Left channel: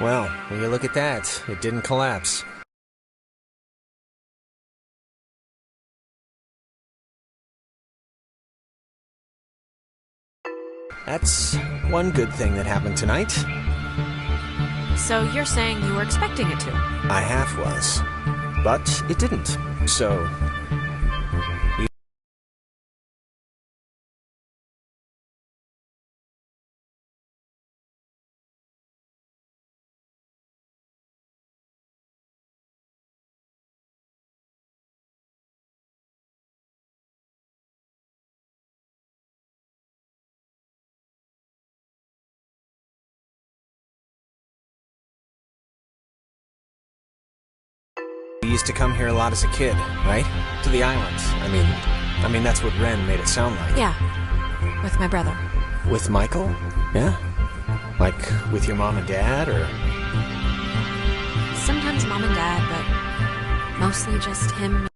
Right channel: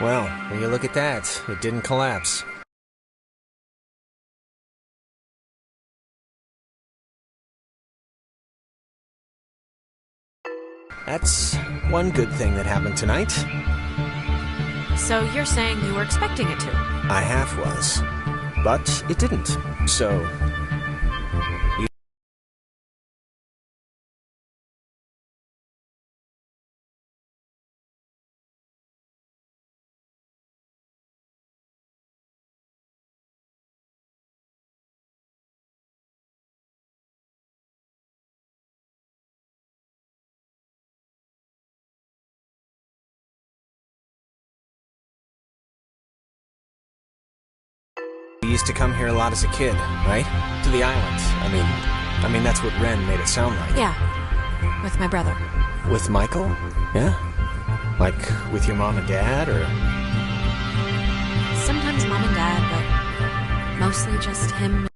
Well, when you look at that, it didn't collapse. That's one good thing that happened tonight. So you're saying you were expecting it to? I half was. But it didn't. So, you used to come here a lot as a kid, right? To the islands. I mean that's what Ren made it sound like. Yeah, with my brother. With Michael? Yeah? Like with your mom and dad, or? Sometimes mom and dad, but mostly just him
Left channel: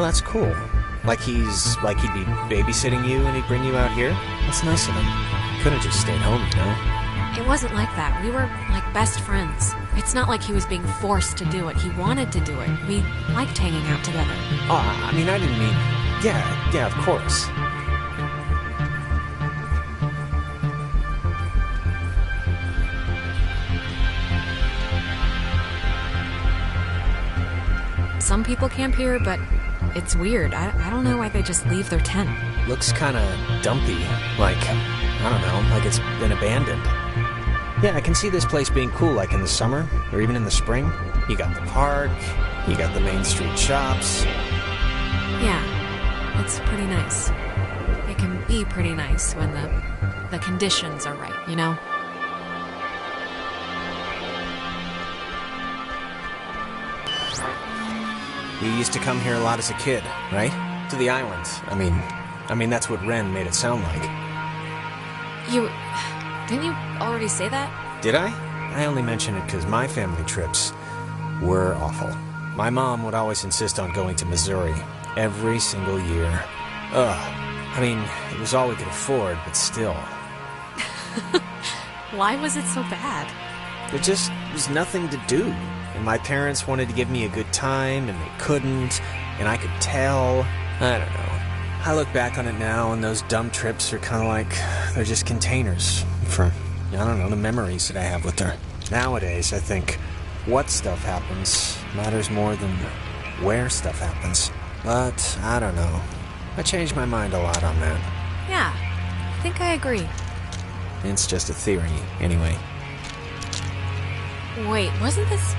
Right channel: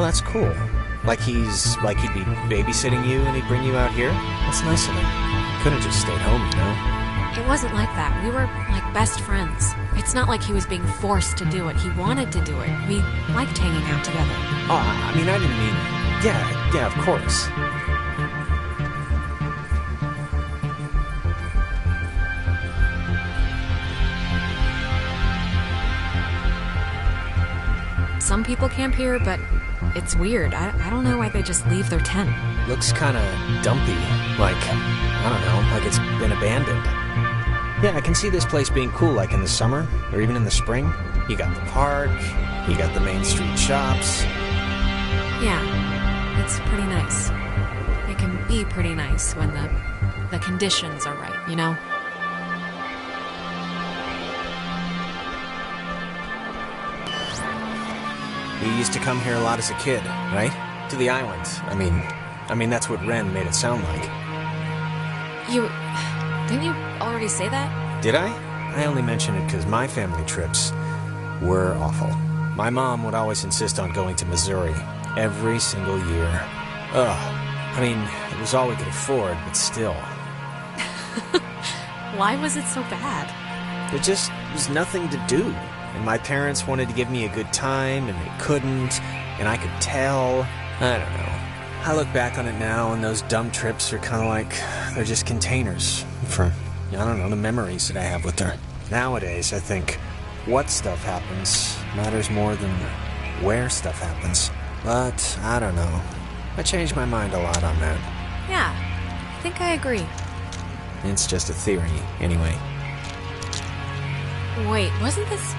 Oh, that's cool. Like he'd be babysitting you and he'd bring you out here? That's nice of him. Could have just stayed home, you know? It wasn't like that. We were like best friends. It's not like he was being forced to do it. He wanted to do it. We liked hanging out together. Oh, I mean, I didn't mean... Yeah, of course. Some people camp here, but it's weird. I don't know why they just leave their tent. Looks kinda dumpy. Like, I don't know, like it's been abandoned. Yeah, I can see this place being cool, like in the summer, or even in the spring. You got the park, you got the main street shops. Yeah, it's pretty nice. It can be pretty nice when the conditions are right, you know? You used to come here a lot as a kid, right? To the island. I mean that's what Ren made it sound like. Didn't you already say that? Did I? I only mention it because my family trips were awful. My mom would always insist on going to Missouri every single year. Ugh. I mean, it was all we could afford, but still. Why was it so bad? There just was nothing to do. And my parents wanted to give me a good time, and they couldn't, and I could tell. I don't know. I look back on it now, and those dumb trips are kind of like, they're just containers for, I don't know, the memories that I have with her. Nowadays, I think what stuff happens matters more than where stuff happens. But, I don't know. I changed my mind a lot on that. Yeah, I think I agree. It's just a theory, anyway. Wait, wasn't this...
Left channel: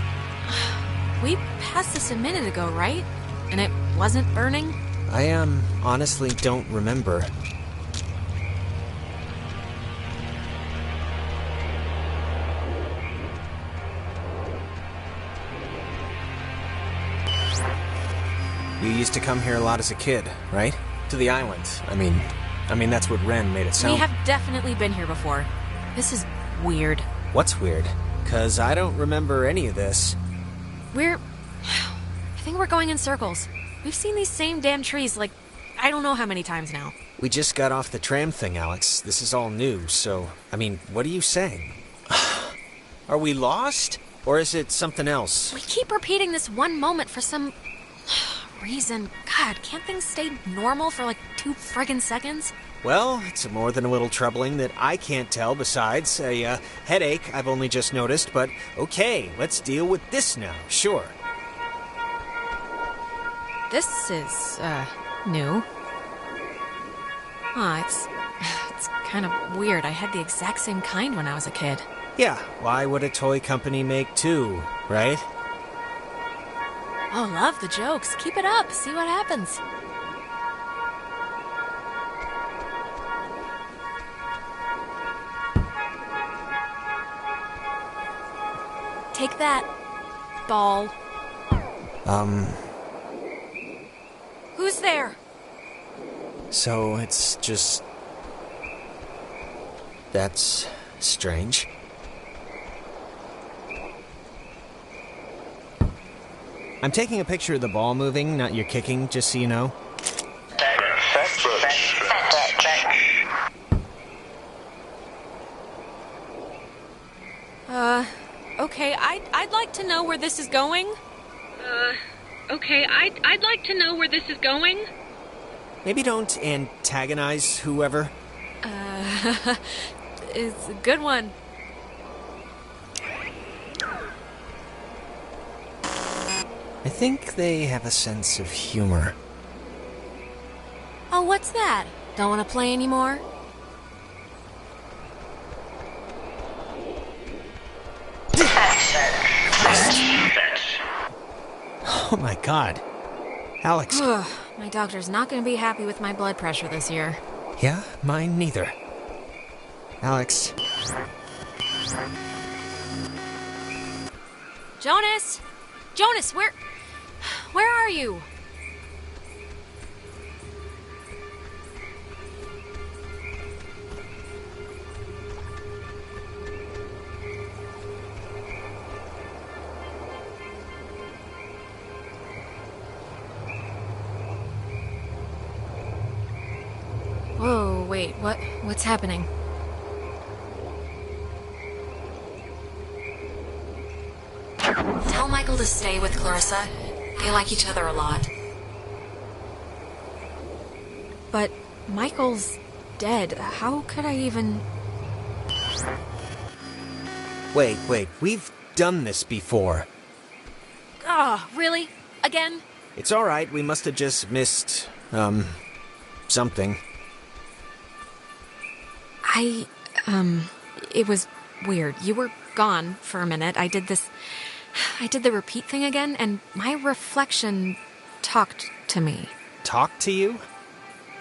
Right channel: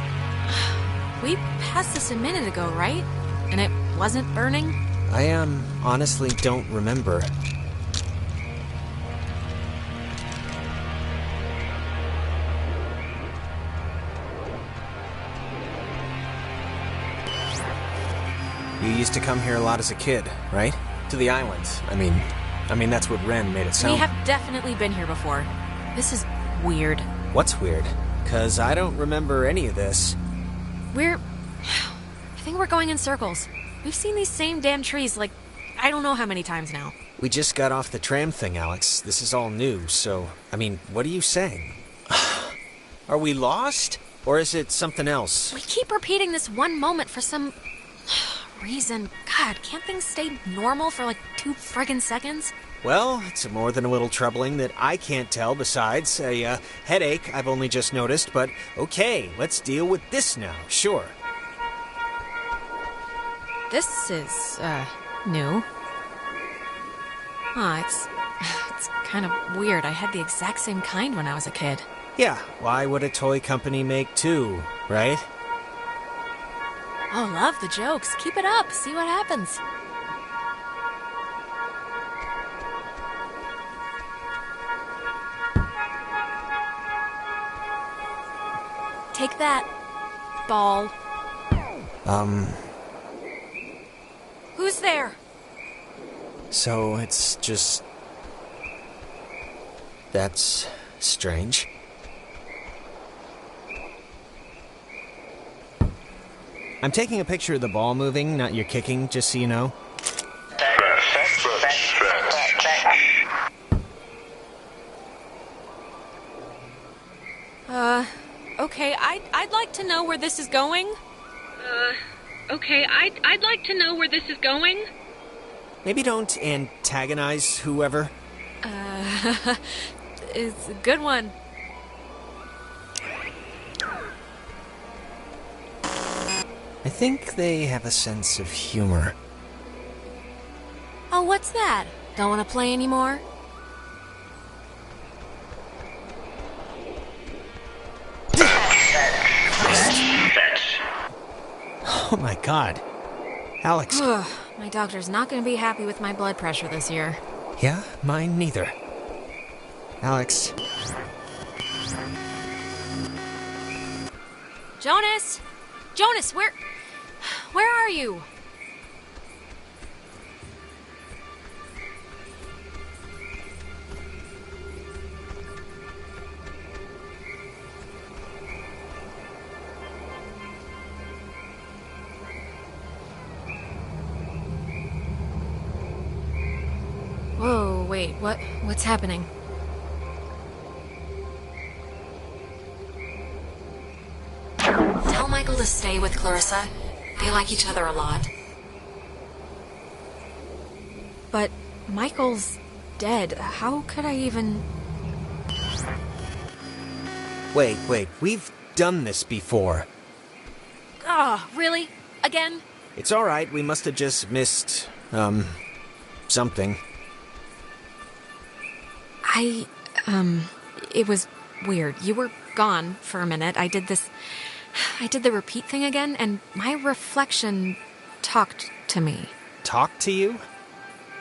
We passed this a minute ago, right? And it wasn't burning? I, honestly don't remember. You used to come here a lot as a kid, right? To the island. I mean that's what Ren made it sound. We have definitely been here before. This is weird. What's weird? 'Cause I don't remember any of this. I think we're going in circles. We've seen these same damn trees, like, I don't know how many times now. We just got off the tram thing, Alex. This is all new, so... I mean, what are you saying? Are we lost? Or is it something else? We keep repeating this one moment for some... reason. God, can't things stay normal for like 2 friggin' seconds? Well, it's more than a little troubling that I can't tell besides a headache I've only just noticed, but okay, let's deal with this now, sure. This is, new. It's kind of weird. I had the exact same kind when I was a kid. Yeah, why would a toy company make two, right? Oh, love the jokes. Keep it up. See what happens. Take that, ball. Who's there? So it's just... That's strange. I'm taking a picture of the ball moving, not your kicking, just so you know. Okay, I'd like to know where this is going. Okay, I'd like to know where this is going. Maybe don't antagonize whoever. It's a good one. I think they have a sense of humor. Oh, what's that? Don't want to play anymore? Oh my god. Alex. My doctor's not going to be happy with my blood pressure this year. Yeah, mine neither. Alex. Jonas! Jonas, where are you? wait, what's happening? Tell Michael to stay with Clarissa. They like each other a lot. But Michael's dead. How could I even... Wait, we've done this before. Oh, really? Again? It's alright, we must have just missed, something. It was weird. You were gone for a minute. I did the repeat thing again, and my reflection talked to me. Talk to you?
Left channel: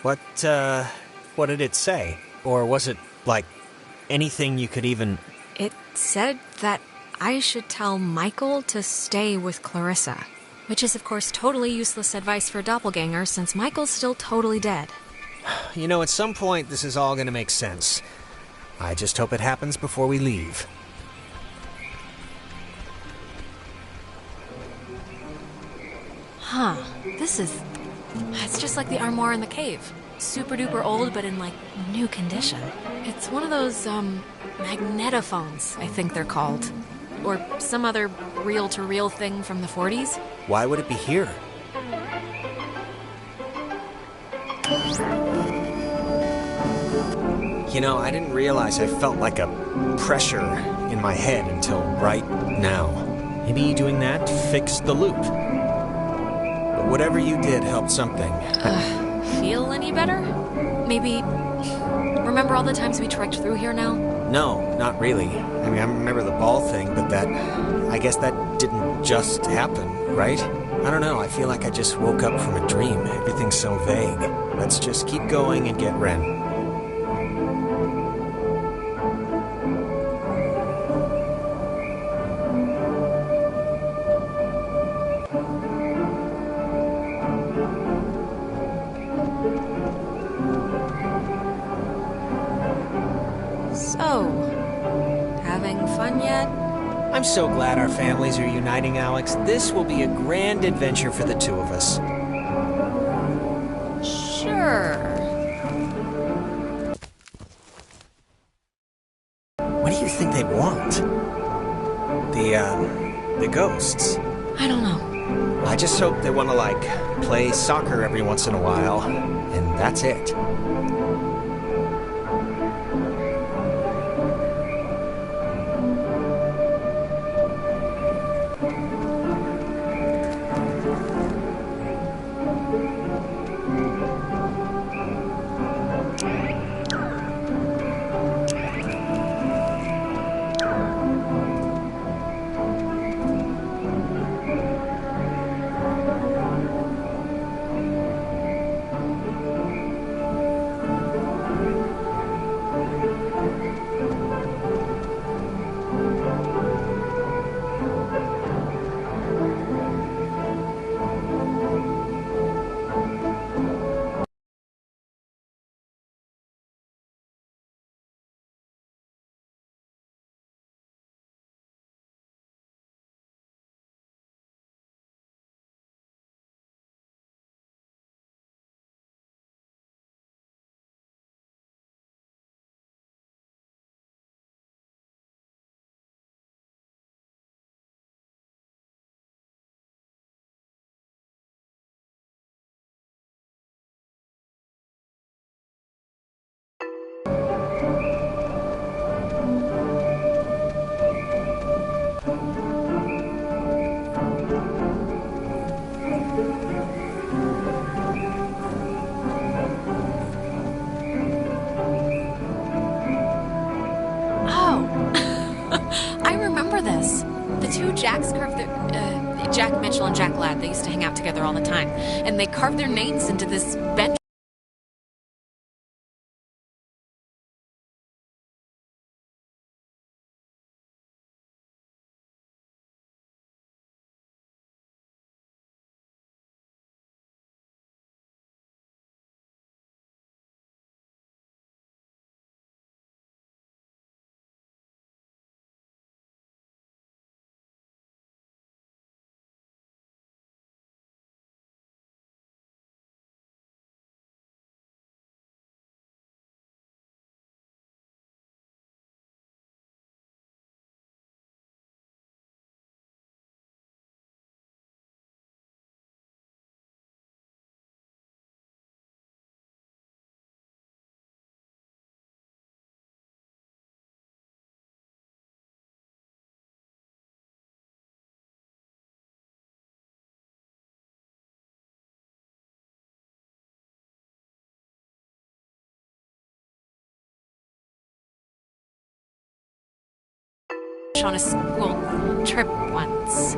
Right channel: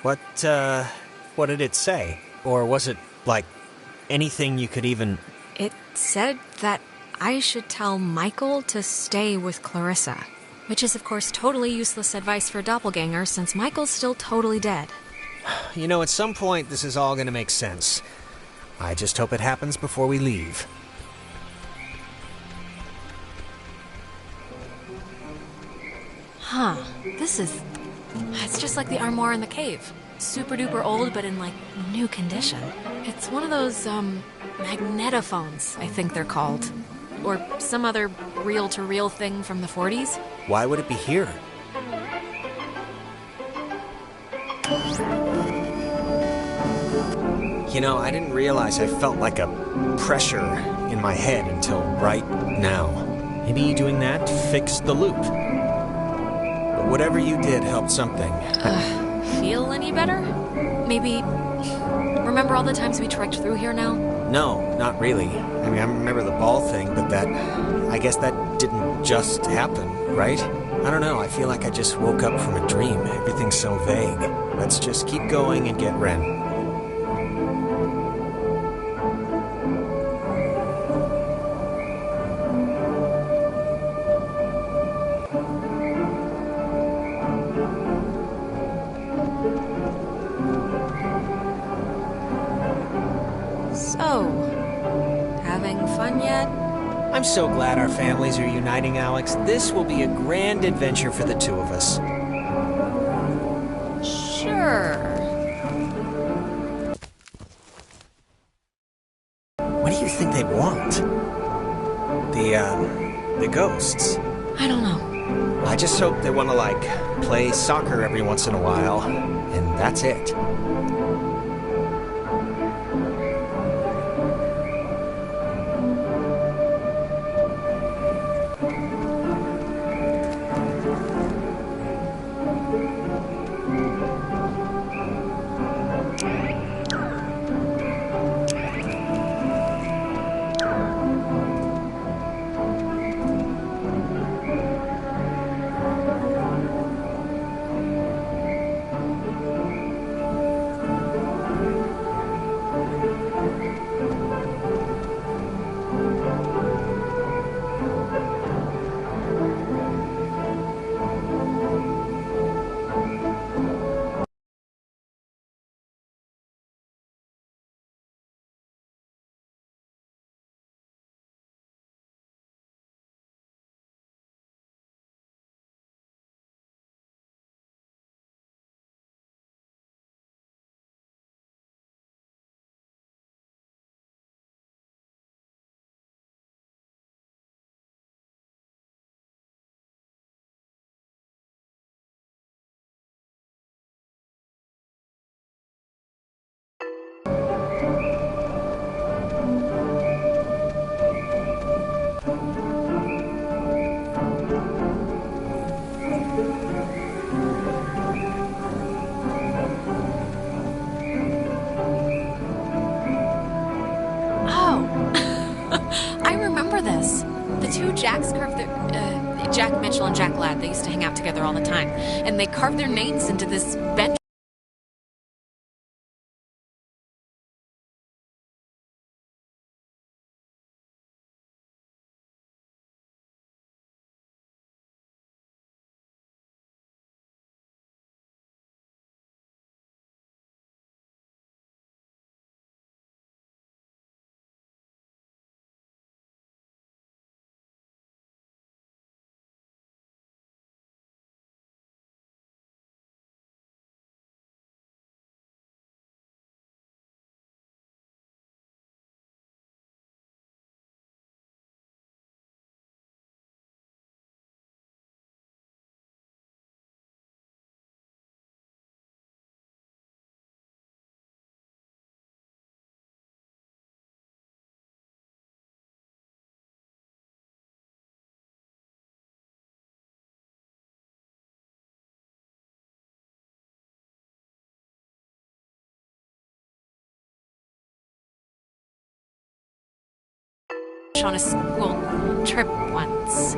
What did it say? Or was it, like, anything you could even... It said that I should tell Michael to stay with Clarissa. Which is, of course, totally useless advice for a doppelganger, since Michael's still totally dead. You know, at some point, this is all gonna make sense. I just hope it happens before we leave. Huh. It's just like the armoire in the cave. Super duper old, but in, like, new condition. It's one of those, magnetophones, I think they're called. Or some other reel-to-reel thing from the 40s. Why would it be here? You know, I didn't realize I felt like a pressure in my head until right now. Maybe doing that fixed the loop. But whatever you did helped something. Feel any better? Maybe... Remember all the times we trekked through here now? No, not really. I mean, I remember the ball thing, but I guess that didn't just happen, right? I don't know, I feel like I just woke up from a dream. Everything's so vague. Let's just keep going and get Ren. So, having fun yet? I'm so glad our families are uniting, Alex. This will be a grand adventure for the two of us. Sure. What do you think they want? The ghosts. I don't know. I just hope they want to, like, play soccer every once in a while, and that's it. Jacks carved their... Jack Mitchell and Jack Ladd, they used to hang out together all the time. And they carved their names into this bench beach on a school trip once.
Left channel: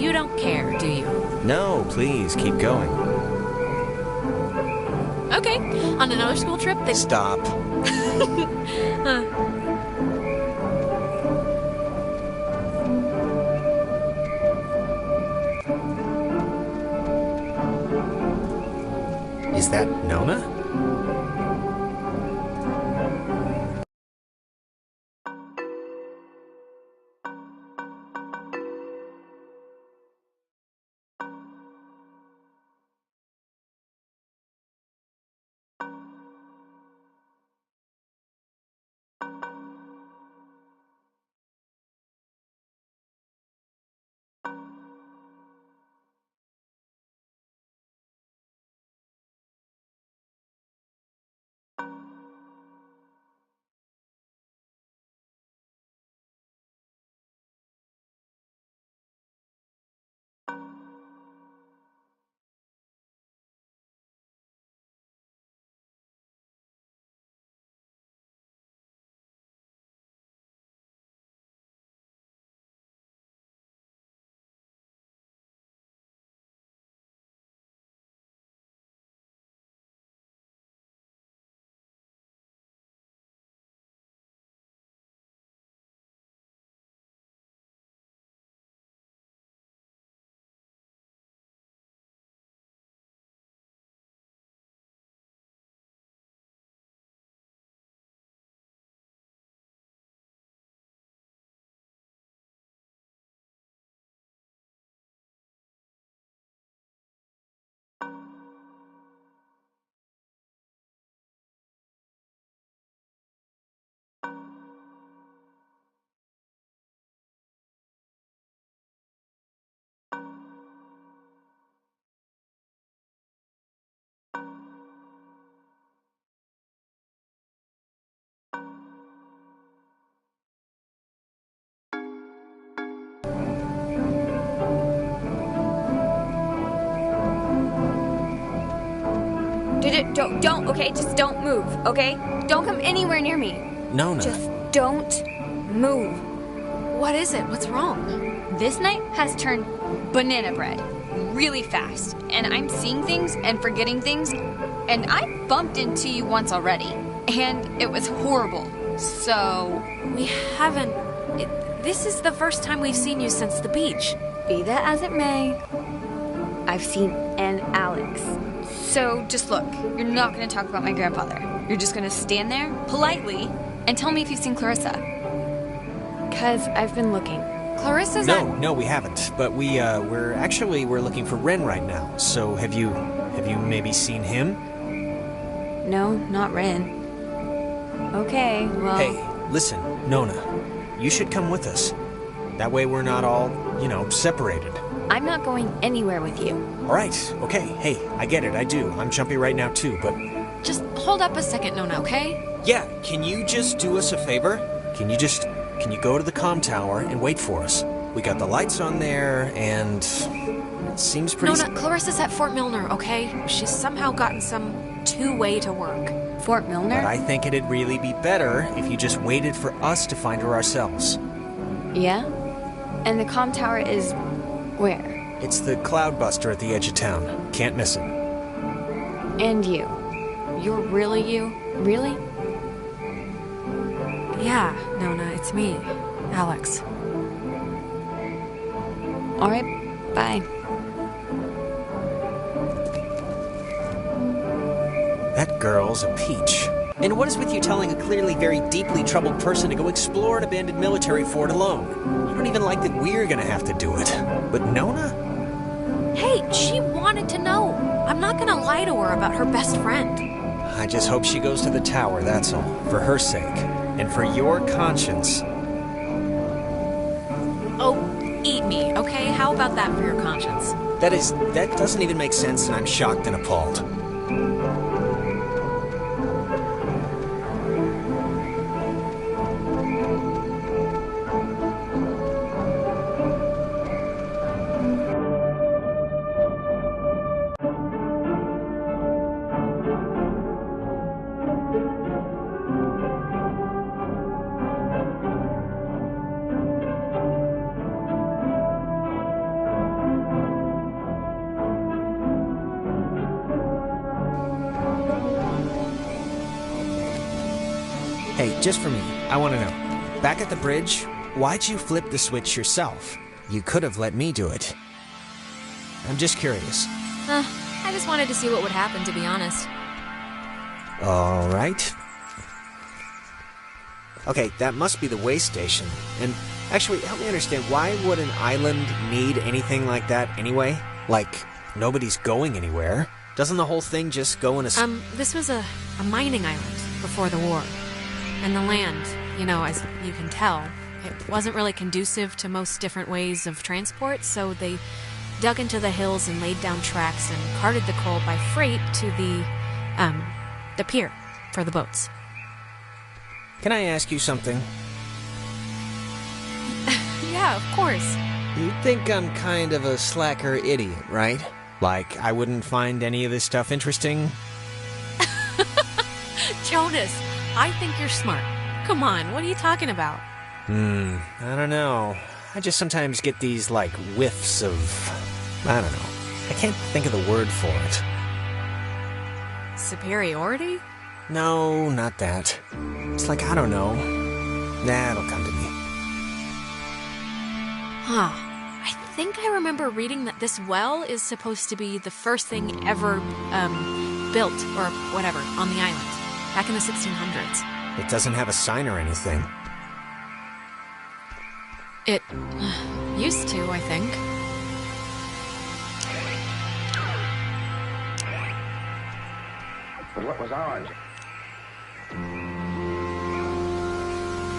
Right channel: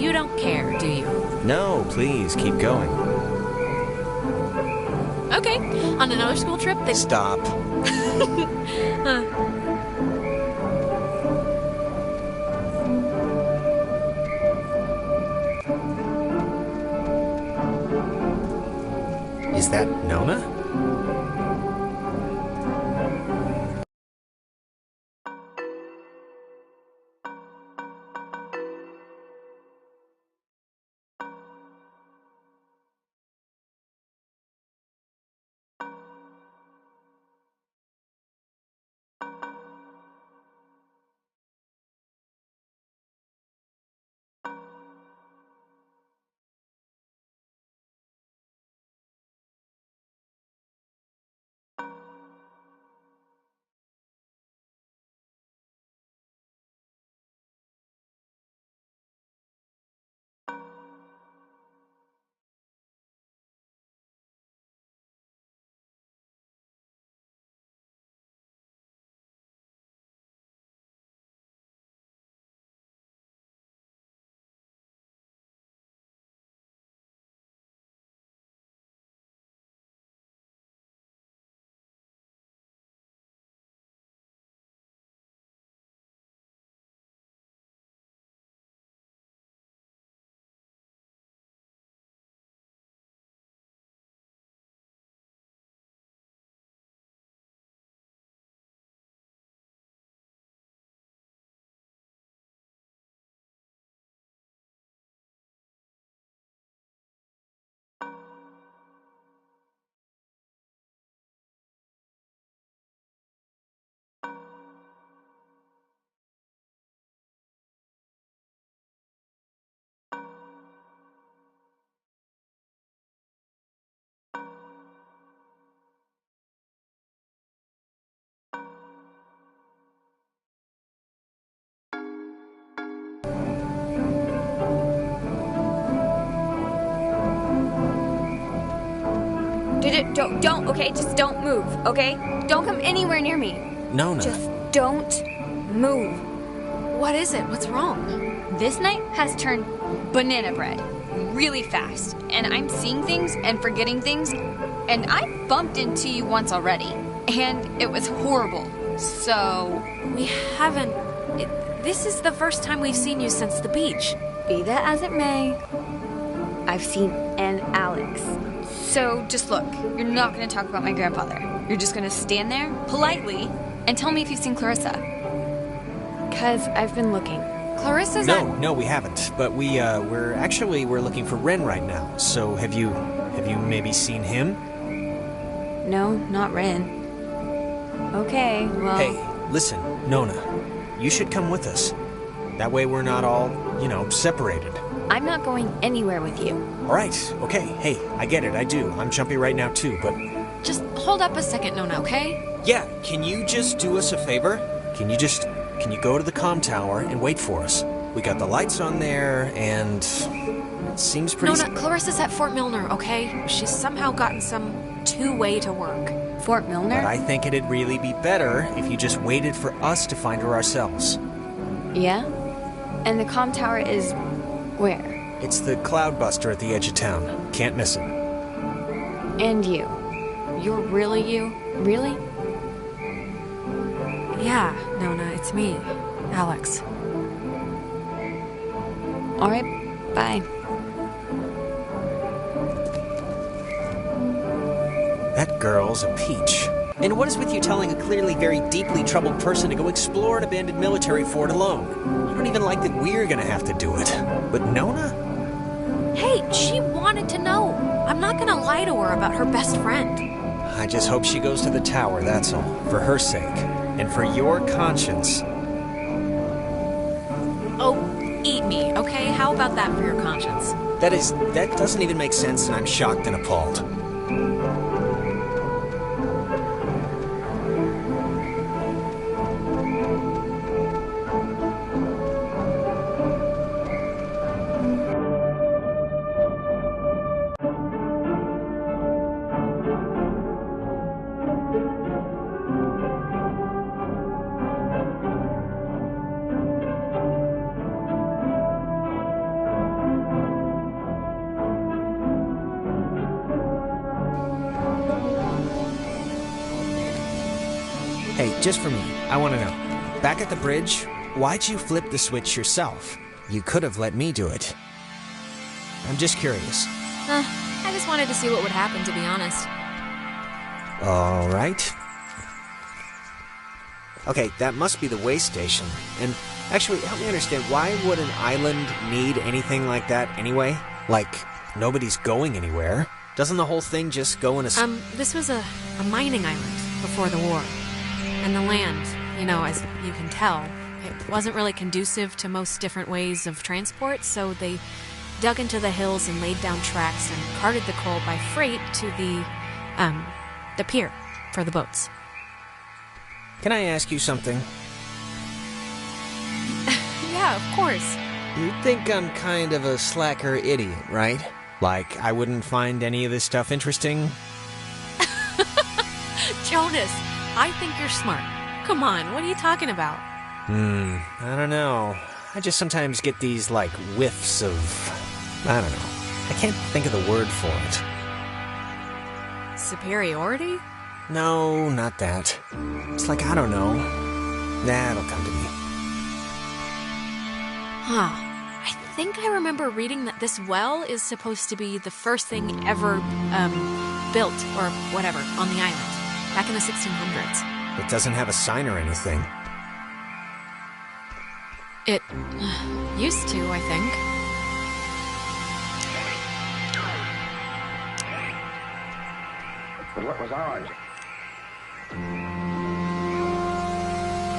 You don't care, do you? No, please, keep going. Okay, on another school trip, they... Stop. Is that Nona? Don't, okay? Just don't move, okay? Don't come anywhere near me. Nona. Just don't move. What is it? What's wrong? This night has turned banana bread really fast, and I'm seeing things and forgetting things, and I bumped into you once already, and it was horrible, so... We haven't... This is the first time we've seen you since the beach. Be that as it may, I've seen an Alex. So just look, you're not going to talk about my grandfather. You're just going to stand there, politely, and tell me if you've seen Clarissa. 'Cause I've been looking. Clarissa's No, we haven't. But we're looking for Ren right now. So have you maybe seen him? No, not Ren. Okay, well... Hey, listen, Nona. You should come with us. That way we're not all, separated. I'm not going anywhere with you. All right, okay. Hey, I get it, I do. I'm jumpy right now too, but... Just hold up a second, Nona, okay? Yeah, can you just do us a favor? Can you go to the comm tower and wait for us? We got the lights on there, and... it seems pretty... Nona, Clarissa's at Fort Milner, okay? She's somehow gotten some two-way to work. Fort Milner? But I think it'd really be better if you just waited for us to find her ourselves. Yeah? And the comm tower is... where? It's the Cloudbuster at the edge of town. Can't miss it. And you. You're really you? Really? Yeah, Nona, it's me, Alex. All right, bye. That girl's a peach. And what is with you telling a clearly very deeply troubled person to go explore an abandoned military fort alone? You don't even like that we're gonna have to do it. But Nona? Hey, she wanted to know. I'm not gonna lie to her about her best friend. I just hope she goes to the tower, that's all. For her sake. And for your conscience. Oh, eat me, okay? How about that for your conscience? That doesn't even make sense, and I'm shocked and appalled. Hey, just for me, I want to know. Back at the bridge, why'd you flip the switch yourself? You could have let me do it. I'm just curious. I just wanted to see what would happen, to be honest. All right. Okay, that must be the way station. And actually, help me understand, why would an island need anything like that anyway? Like, nobody's going anywhere. Doesn't the whole thing just go in a... This was a mining island before the war. And the land, you know, as you can tell, it wasn't really conducive to most different ways of transport, so they dug into the hills and laid down tracks and carted the coal by freight to the pier for the boats. Can I ask you something? Yeah, of course. You think I'm kind of a slacker idiot, right? Like, I wouldn't find any of this stuff interesting? Jonas, I think you're smart. Come on, what are you talking about? I don't know. I just sometimes get these, like, whiffs of... I don't know. I can't think of the word for it. Superiority? No, not that. It's like, I don't know. Nah, it'll come to me. Huh. I think I remember reading that this well is supposed to be the first thing ever, built, or whatever, on the island. Back in the 1600s. It doesn't have a sign or anything. It used to, I think. But what was ours?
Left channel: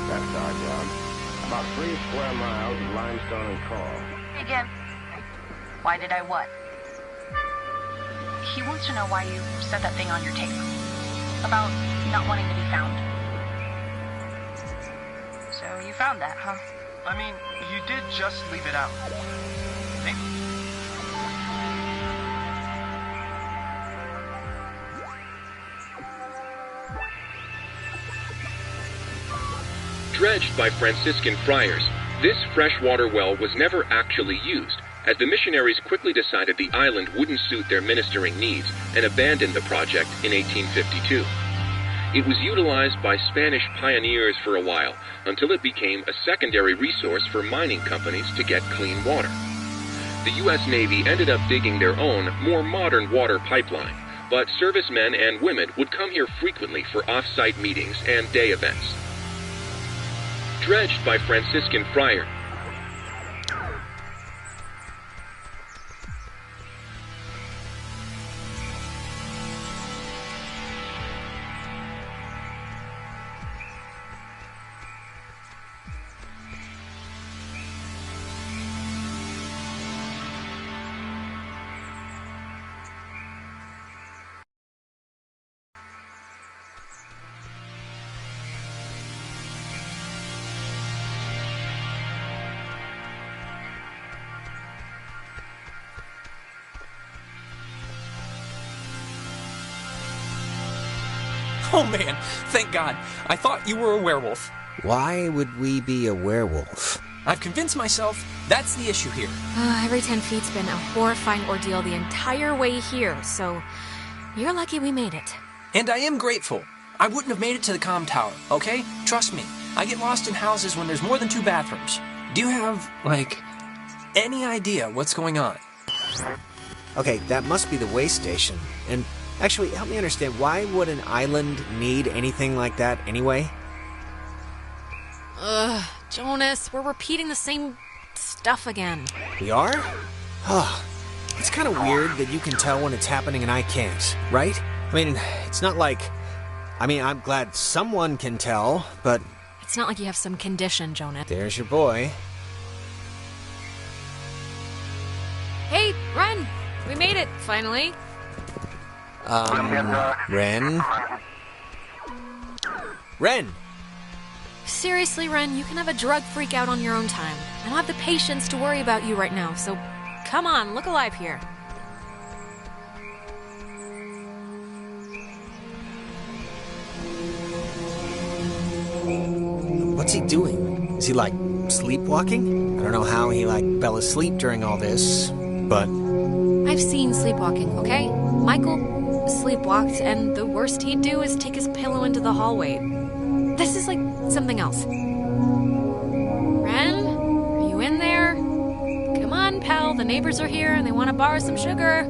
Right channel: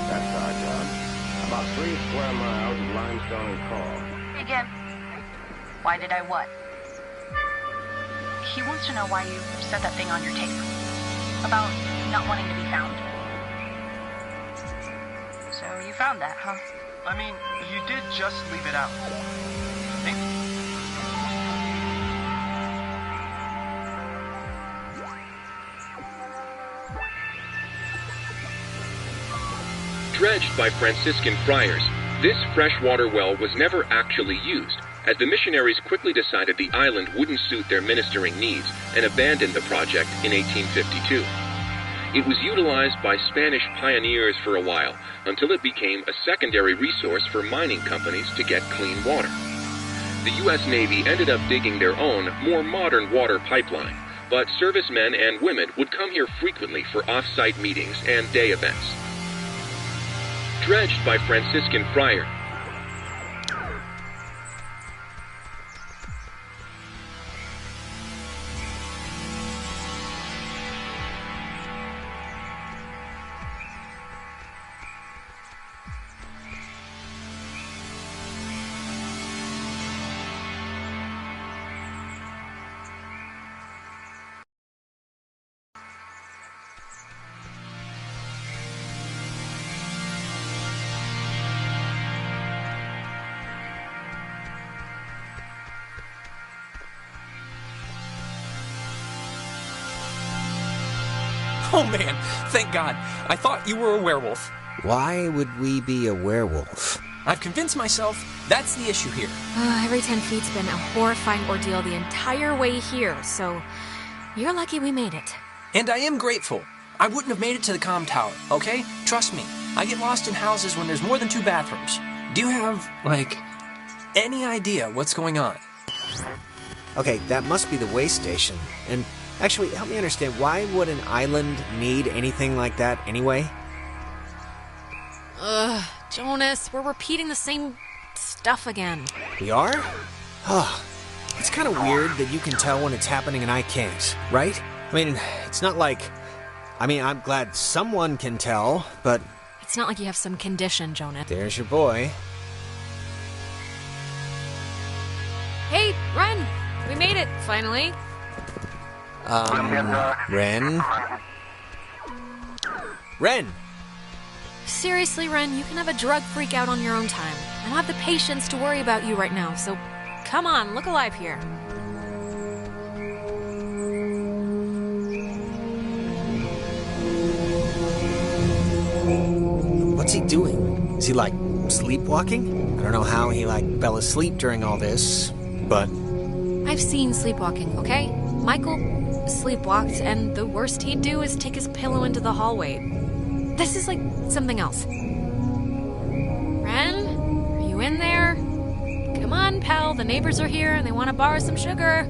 That's our job. About 3 square miles of limestone and coal. Again, why did I what? He wants to know why you said that thing on your tape. About not wanting to be found. So you found that, huh? I mean, you did just leave it out. Maybe. Dredged by Franciscan friars, this freshwater well was never actually used, as the missionaries quickly decided the island wouldn't suit their ministering needs and abandoned the project in 1852. It was utilized by Spanish pioneers for a while, until it became a secondary resource for mining companies to get clean water. The U.S. Navy ended up digging their own, more modern water pipeline, but servicemen and women would come here frequently for off-site meetings and day events. Dredged by Franciscan friars. Oh man, thank God. I thought you were a werewolf. Why would we be a werewolf? I've convinced myself that's the issue here. Every 10 feet's been a horrifying ordeal the entire way here, so you're lucky we made it. And I am grateful. I wouldn't have made it to the comm tower, okay? Trust me, I get lost in houses when there's more than 2 bathrooms. Do you have, like, any idea what's going on? Okay, that must be the way station. And actually, help me understand, why would an island need anything like that anyway? Jonas, we're repeating the same stuff again. We are? It's kind of weird that you can tell when it's happening and I can't, right? I mean, it's not like... I'm glad someone can tell, but... It's not like you have some condition, Jonas. There's your boy. Hey, Ren! We made it, finally. Ren? Ren! Seriously, Ren, you can have a drug freak out on your own time. I don't have the patience to worry about you right now, so come on, look alive here. What's he doing? Is he, like, sleepwalking? I don't know how he, like, fell asleep during all this, but... I've seen sleepwalking, okay? Michael sleepwalked, and the worst he'd do is take his pillow into the hallway. This is like something else. Ren, are you in there? Come on, pal, the neighbors are here and they want to borrow some sugar.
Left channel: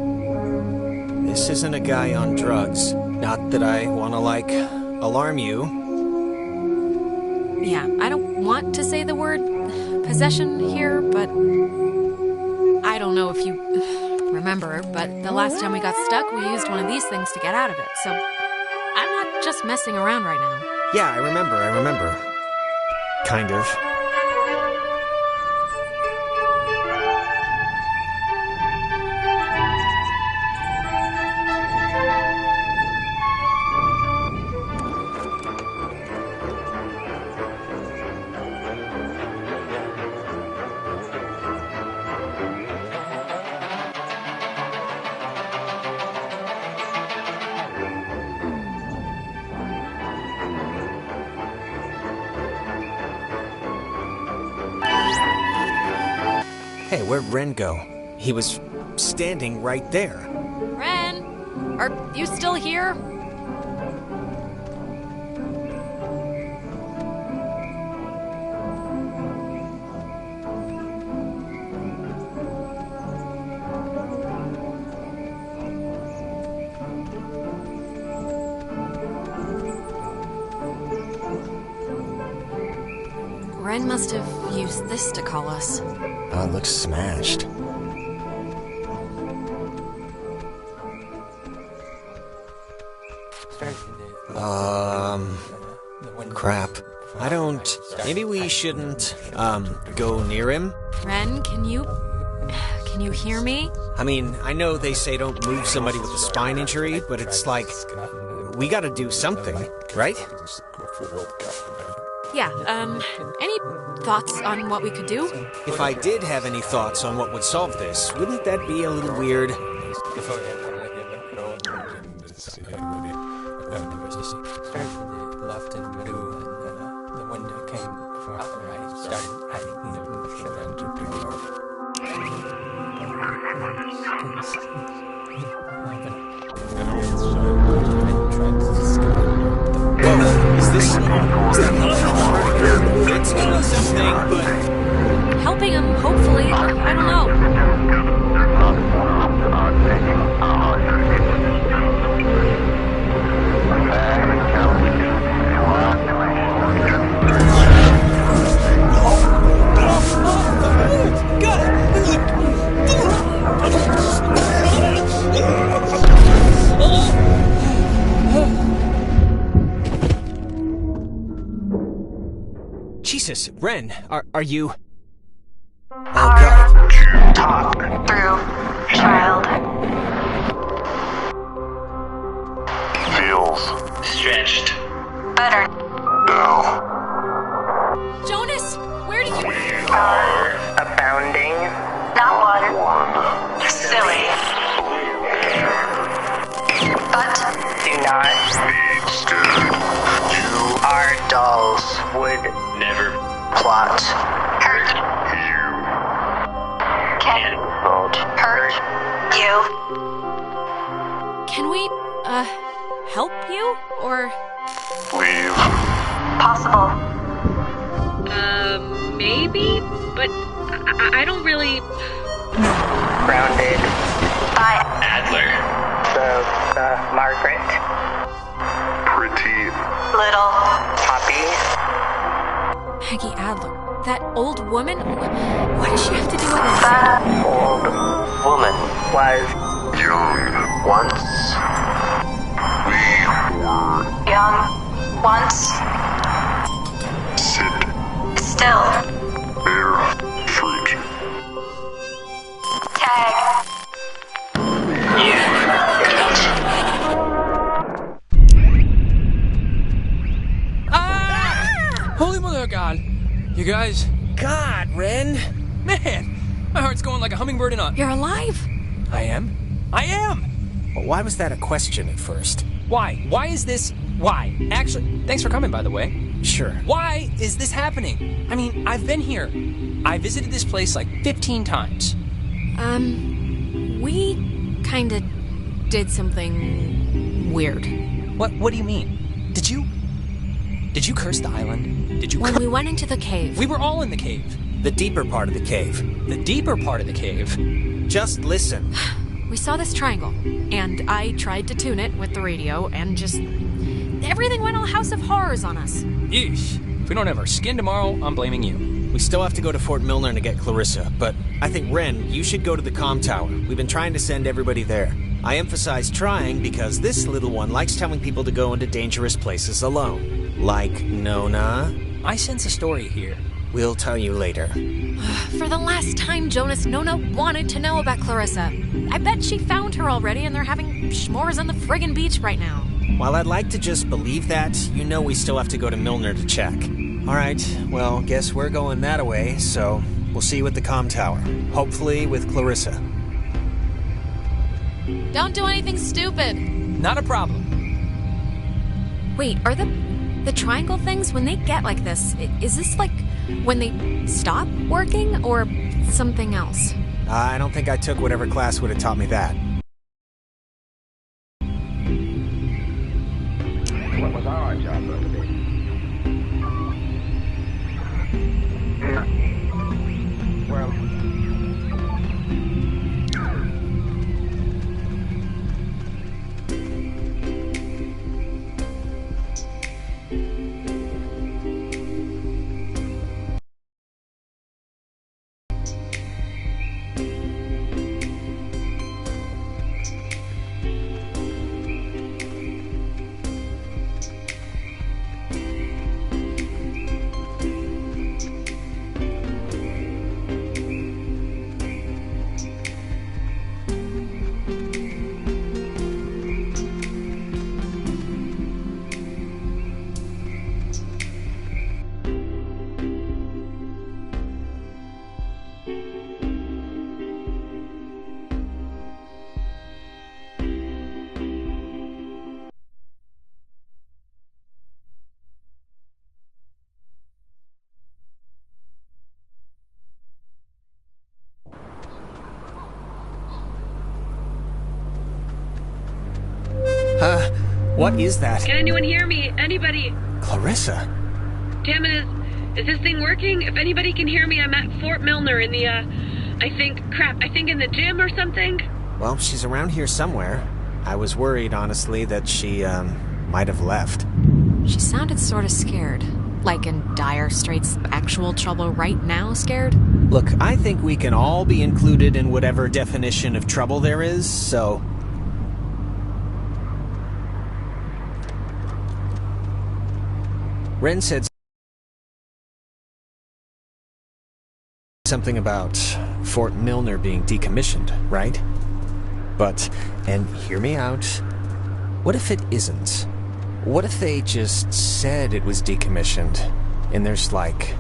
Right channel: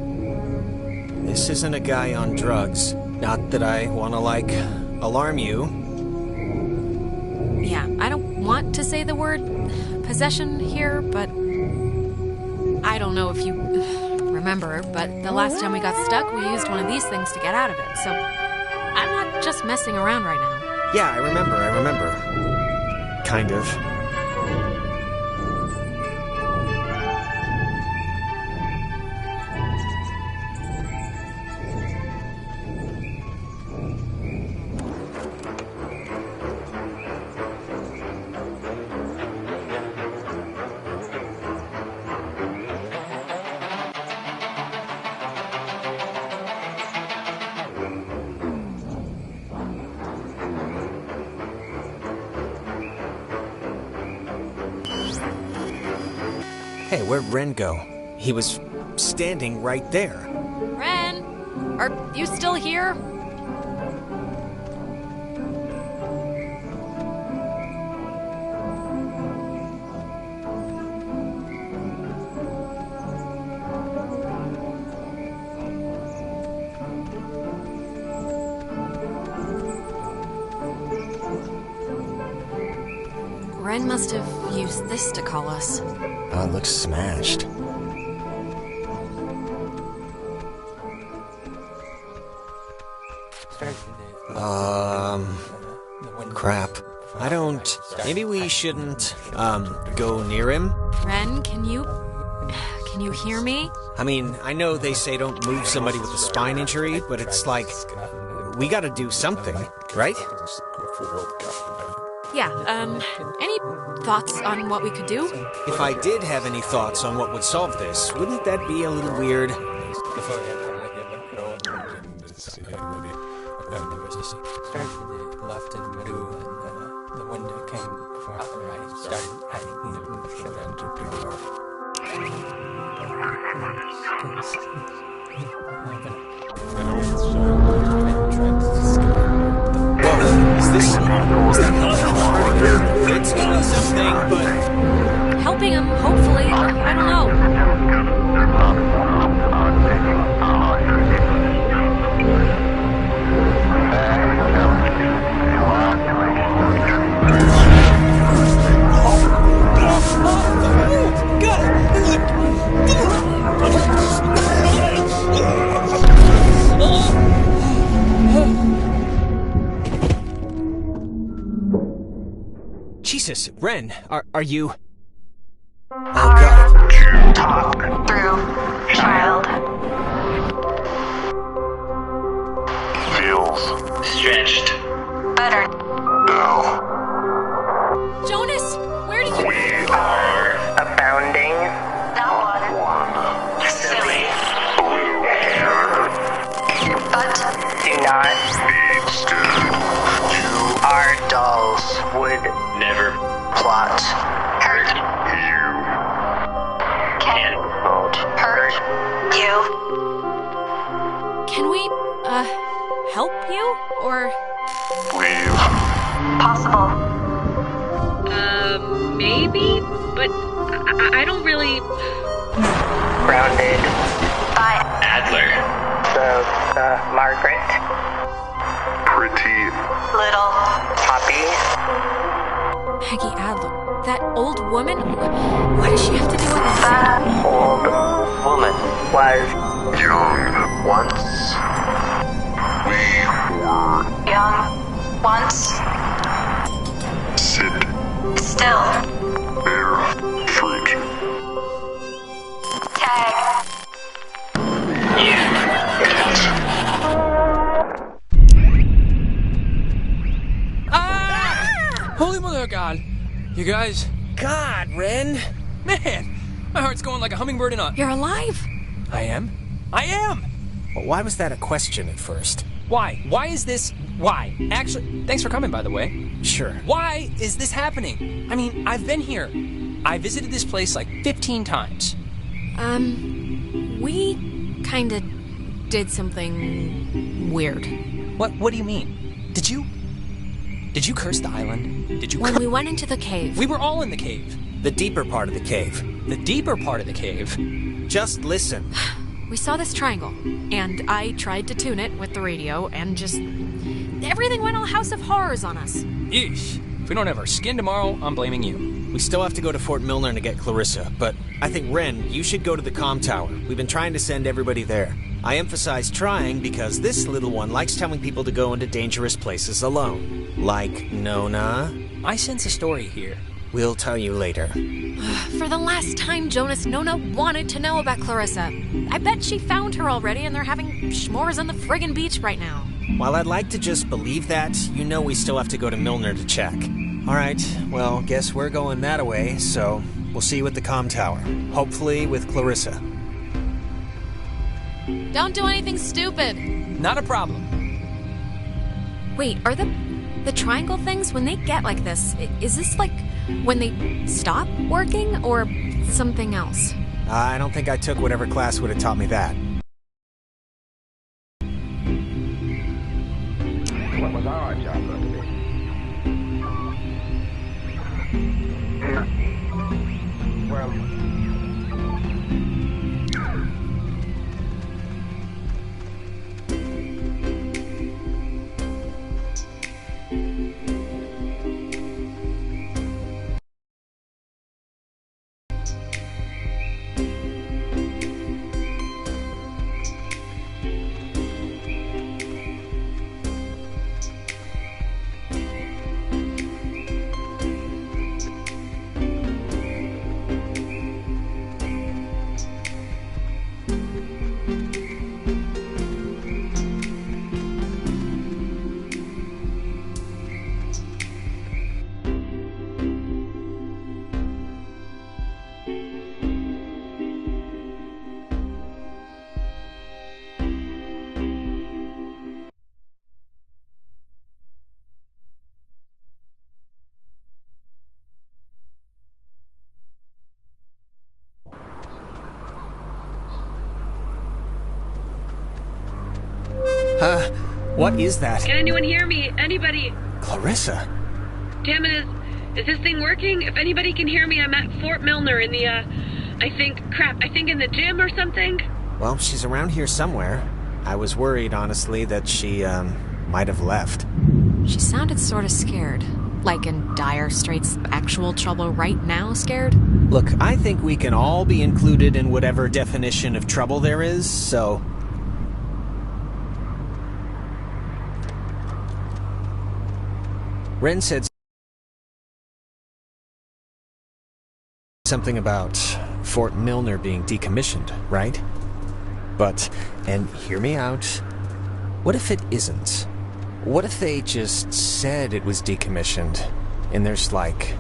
This isn't a guy on drugs. Not that I want to, alarm you. Yeah, I don't want to say the word possession here, but I don't know if you remember, but the last time we got stuck, we used one of these things to get out of it, so I'm not just messing around right now. Yeah, I remember. Kind of. Hey, where'd Ren go? He was standing right there. Ren, are you still here? Ren must have used this to call us. Oh, it looks smashed. Crap. I don't... Maybe we shouldn't, go near him? Ren, can you hear me? I mean, I know they say don't move somebody with a spine injury, but it's like... We gotta do something, right? Yeah, any thoughts on what we could do? If I did have any thoughts on what would solve this, wouldn't that be a little weird? Left and middle, and the window came from out the right. Started hiding in the Whoa, is that helping? It's doing something, but... Helping him, hopefully. I don't know. Jesus, Ren, are you... Hard to talk through, child. Feels Stretched. Better. now. Jonas, where did you... We are abounding. Not one. Silly. Blue hair. But do not Be scared. You our dolls would never plot. Hurt you can won't hurt you. Can we, help you? Or... leave. Possible. Maybe? But I don't really... Grounded by Adler. the Margaret. Pretty Little Poppy. Peggy Adler. That old woman? What does she have to do with this? That old woman was young. once We were young. Once sit still. bear fruit. Tag. Holy mother of God! You guys... God, Ren! Man! My heart's going like a hummingbird in a... You're alive? I am? I am! Well, why was that a question at first? Why? Why is this... Why? Actually, thanks for coming, by the way. Sure. Why is this happening? I mean, I've been here. I visited this place like 15 times. We kinda did something weird. What do you mean? Did you... Did you curse the island? Did you When we went into the cave. We were all in the cave. The deeper part of the cave. The deeper part of the cave? Just listen. We saw this triangle, and I tried to tune it with the radio, and just... everything went all House of Horrors on us. Yeesh. If we don't have our skin tomorrow, I'm blaming you. We still have to go to Fort Milner to get Clarissa, but I think, Ren, you should go to the comm tower. We've been trying to send everybody there. I emphasize trying because this little one likes telling people to go into dangerous places alone. Like Nona. I sense a story here. We'll tell you later. For the last time, Jonas, Nona wanted to know about Clarissa. I bet she found her already and they're having s'mores on the friggin' beach right now. While I'd like to just believe that, you know we still have to go to Milner to check. Alright, well, guess we're going that way, so we'll see you at the comm tower. Hopefully with Clarissa. Don't do anything stupid. Not a problem. Wait, are the triangle things, when they get like this, is this like when they stop working or something else? I don't think I took whatever class would have taught me that. What was our job going to be? Well... What is that? Can anyone hear me? Anybody? Clarissa? Damn it, is this thing working? If anybody can hear me, I'm at Fort Milner in the, I think in the gym or something. Well, she's around here somewhere. I was worried, honestly, that she, might have left. She sounded sort of scared. Like in dire straits, actual trouble right now scared? Look, I think we can all be included in whatever definition of trouble there is, so... Ren said something about Fort Milner being decommissioned, right? But, and hear me out, what if it isn't? What if they just said it was decommissioned, and there's, like,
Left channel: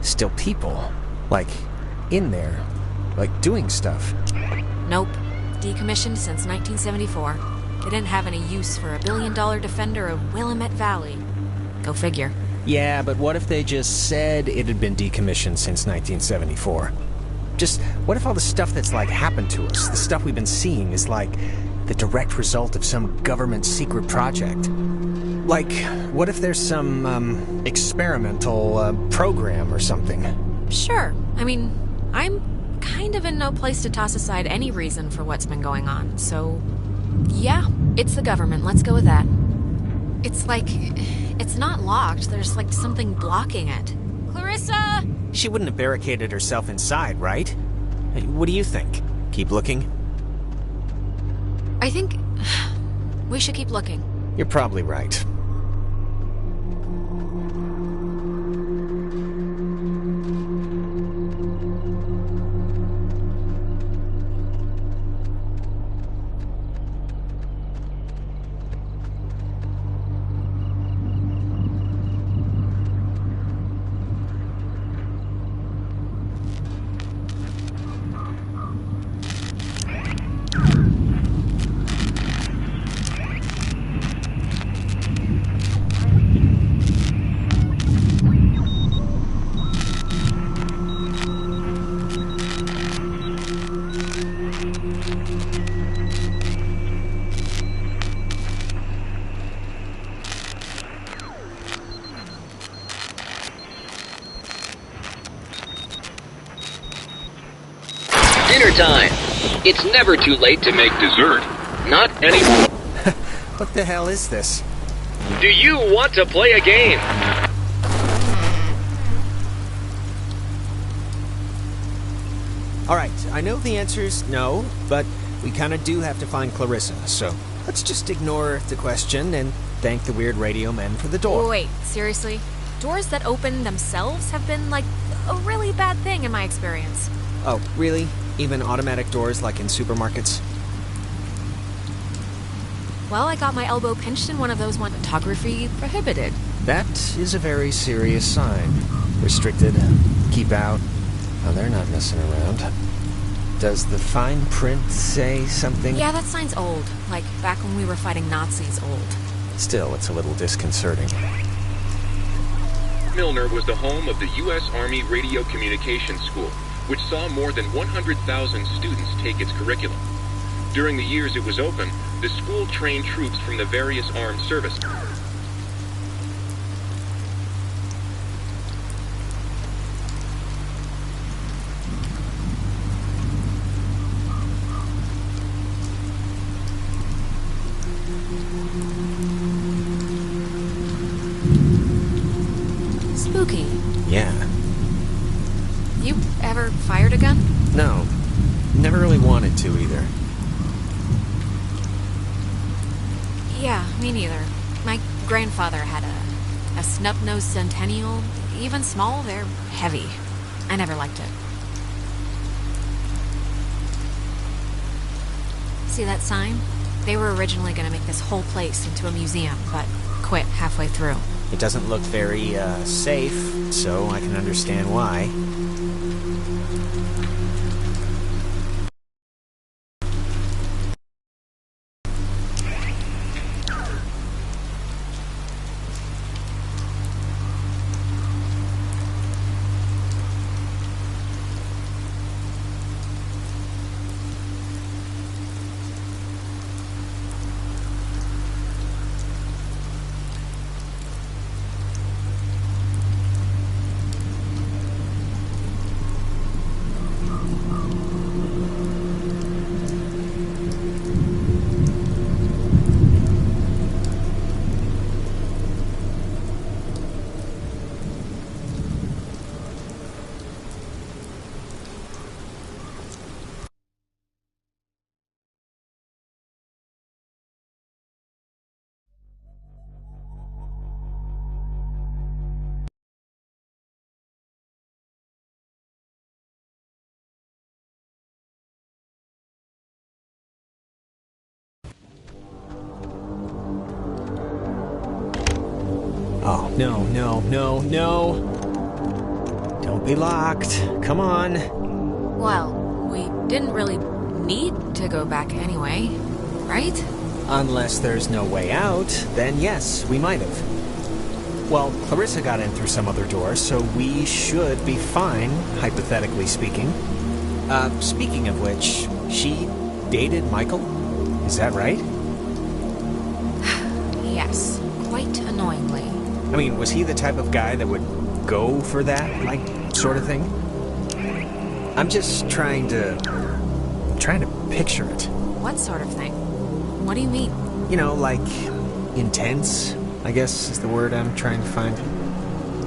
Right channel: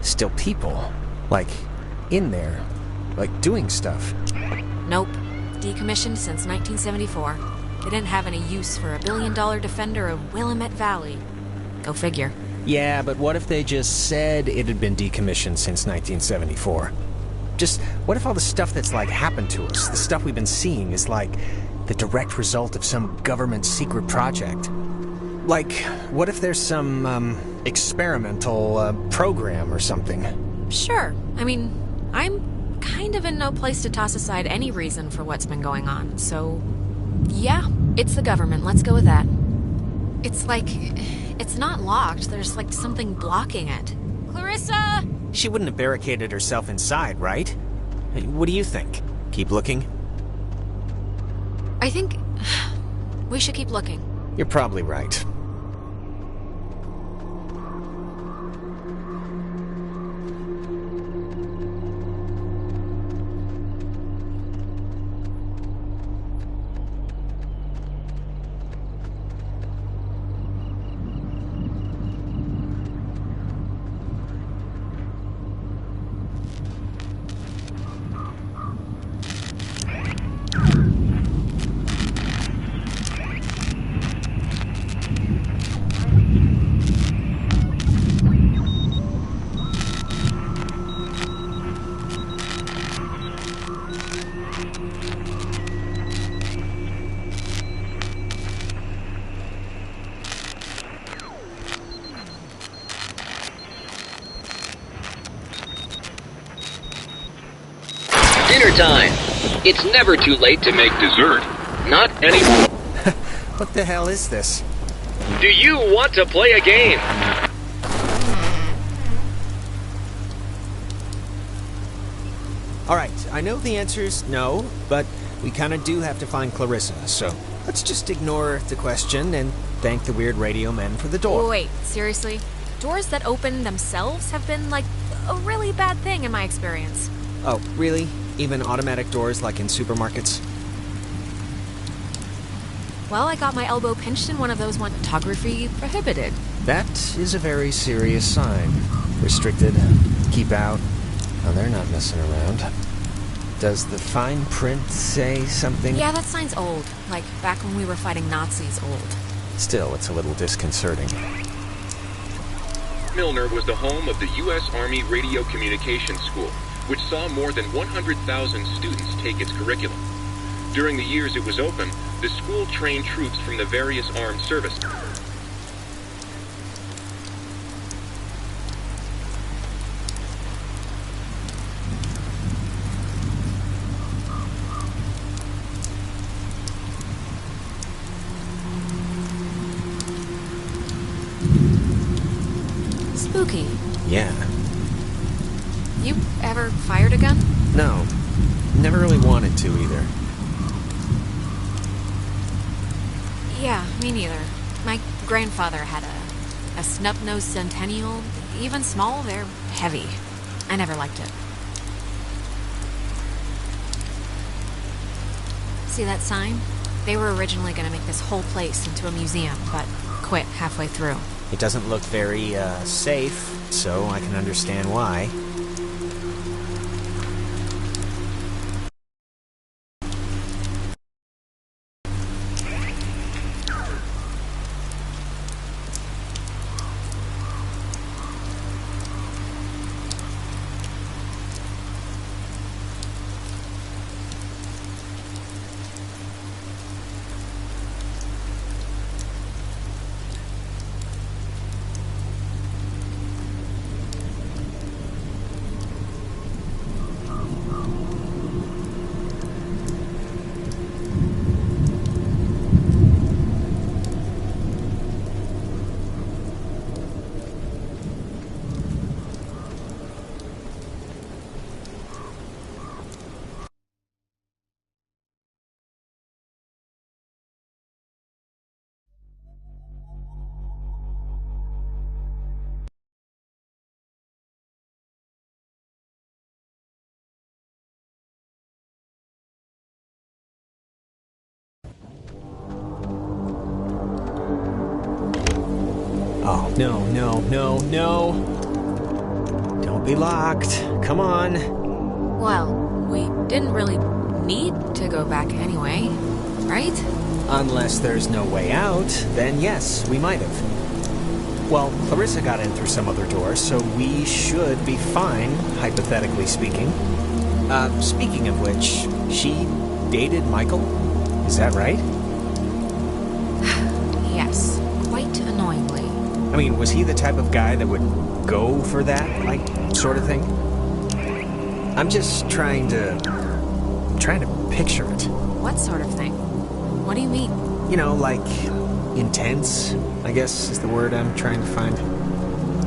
still people, like, in there, like, doing stuff? Nope. Decommissioned since 1974. They didn't have any use for a billion-dollar defender of Willamette Valley. Go figure. Yeah, but what if they just said it had been decommissioned since 1974? Just, what if all the stuff that's, like, happened to us, the stuff we've been seeing, is, like, the direct result of some government secret project? Like, what if there's some, experimental, program or something? Sure. I mean, I'm kind of in no place to toss aside any reason for what's been going on, so... yeah, it's the government. Let's go with that. It's like... it's not locked. There's, like, something blocking it. Clarissa! She wouldn't have barricaded herself inside, right? What do you think? Keep looking? I think... we should keep looking. You're probably right. time. It's never too late to make dessert. Not anymore. What the hell is this? Do you want to play a game? Alright, I know the answer's no, but we kinda do have to find Clarissa, so let's just ignore the question and thank the weird radio men for the door. Wait, seriously? Doors that open themselves have been, like, a really bad thing in my experience. Oh, really? Even automatic doors like in supermarkets? Well, I got my elbow pinched in one of those photography prohibited. That is a very serious sign. Restricted, keep out. Oh, they're not messing around. Does the fine print say something? Yeah, that sign's old. Like, back when we were fighting Nazis old. Still, it's a little disconcerting. Milner was the home of the U.S. Army Radio Communications School, which saw more than 100,000 students take its curriculum. During the years it was open, the school trained troops from the various armed services. Spooky. Yeah. You ever fired a gun? No. Never really wanted to either. Yeah, me neither. My grandfather had a snub-nosed Centennial. Even small, they're heavy. I never liked it. See that sign? They were originally going to make this whole place into a museum, but quit halfway through. It doesn't look very, safe, so I can understand why. Oh, no. Don't be locked. Come on. Well, we didn't really need to go back anyway, right? Unless there's no way out, then yes, we might have. Well, Clarissa got in through some other door, so we should be fine, hypothetically speaking. Speaking of which, she dated Michael? Is that right? Yes, quite annoyingly. I mean, was he the type of guy that would go for that, like, sort of thing? I'm just trying to picture it. What sort of thing? What do you mean? You know, like, intense, I guess is the word I'm trying to find.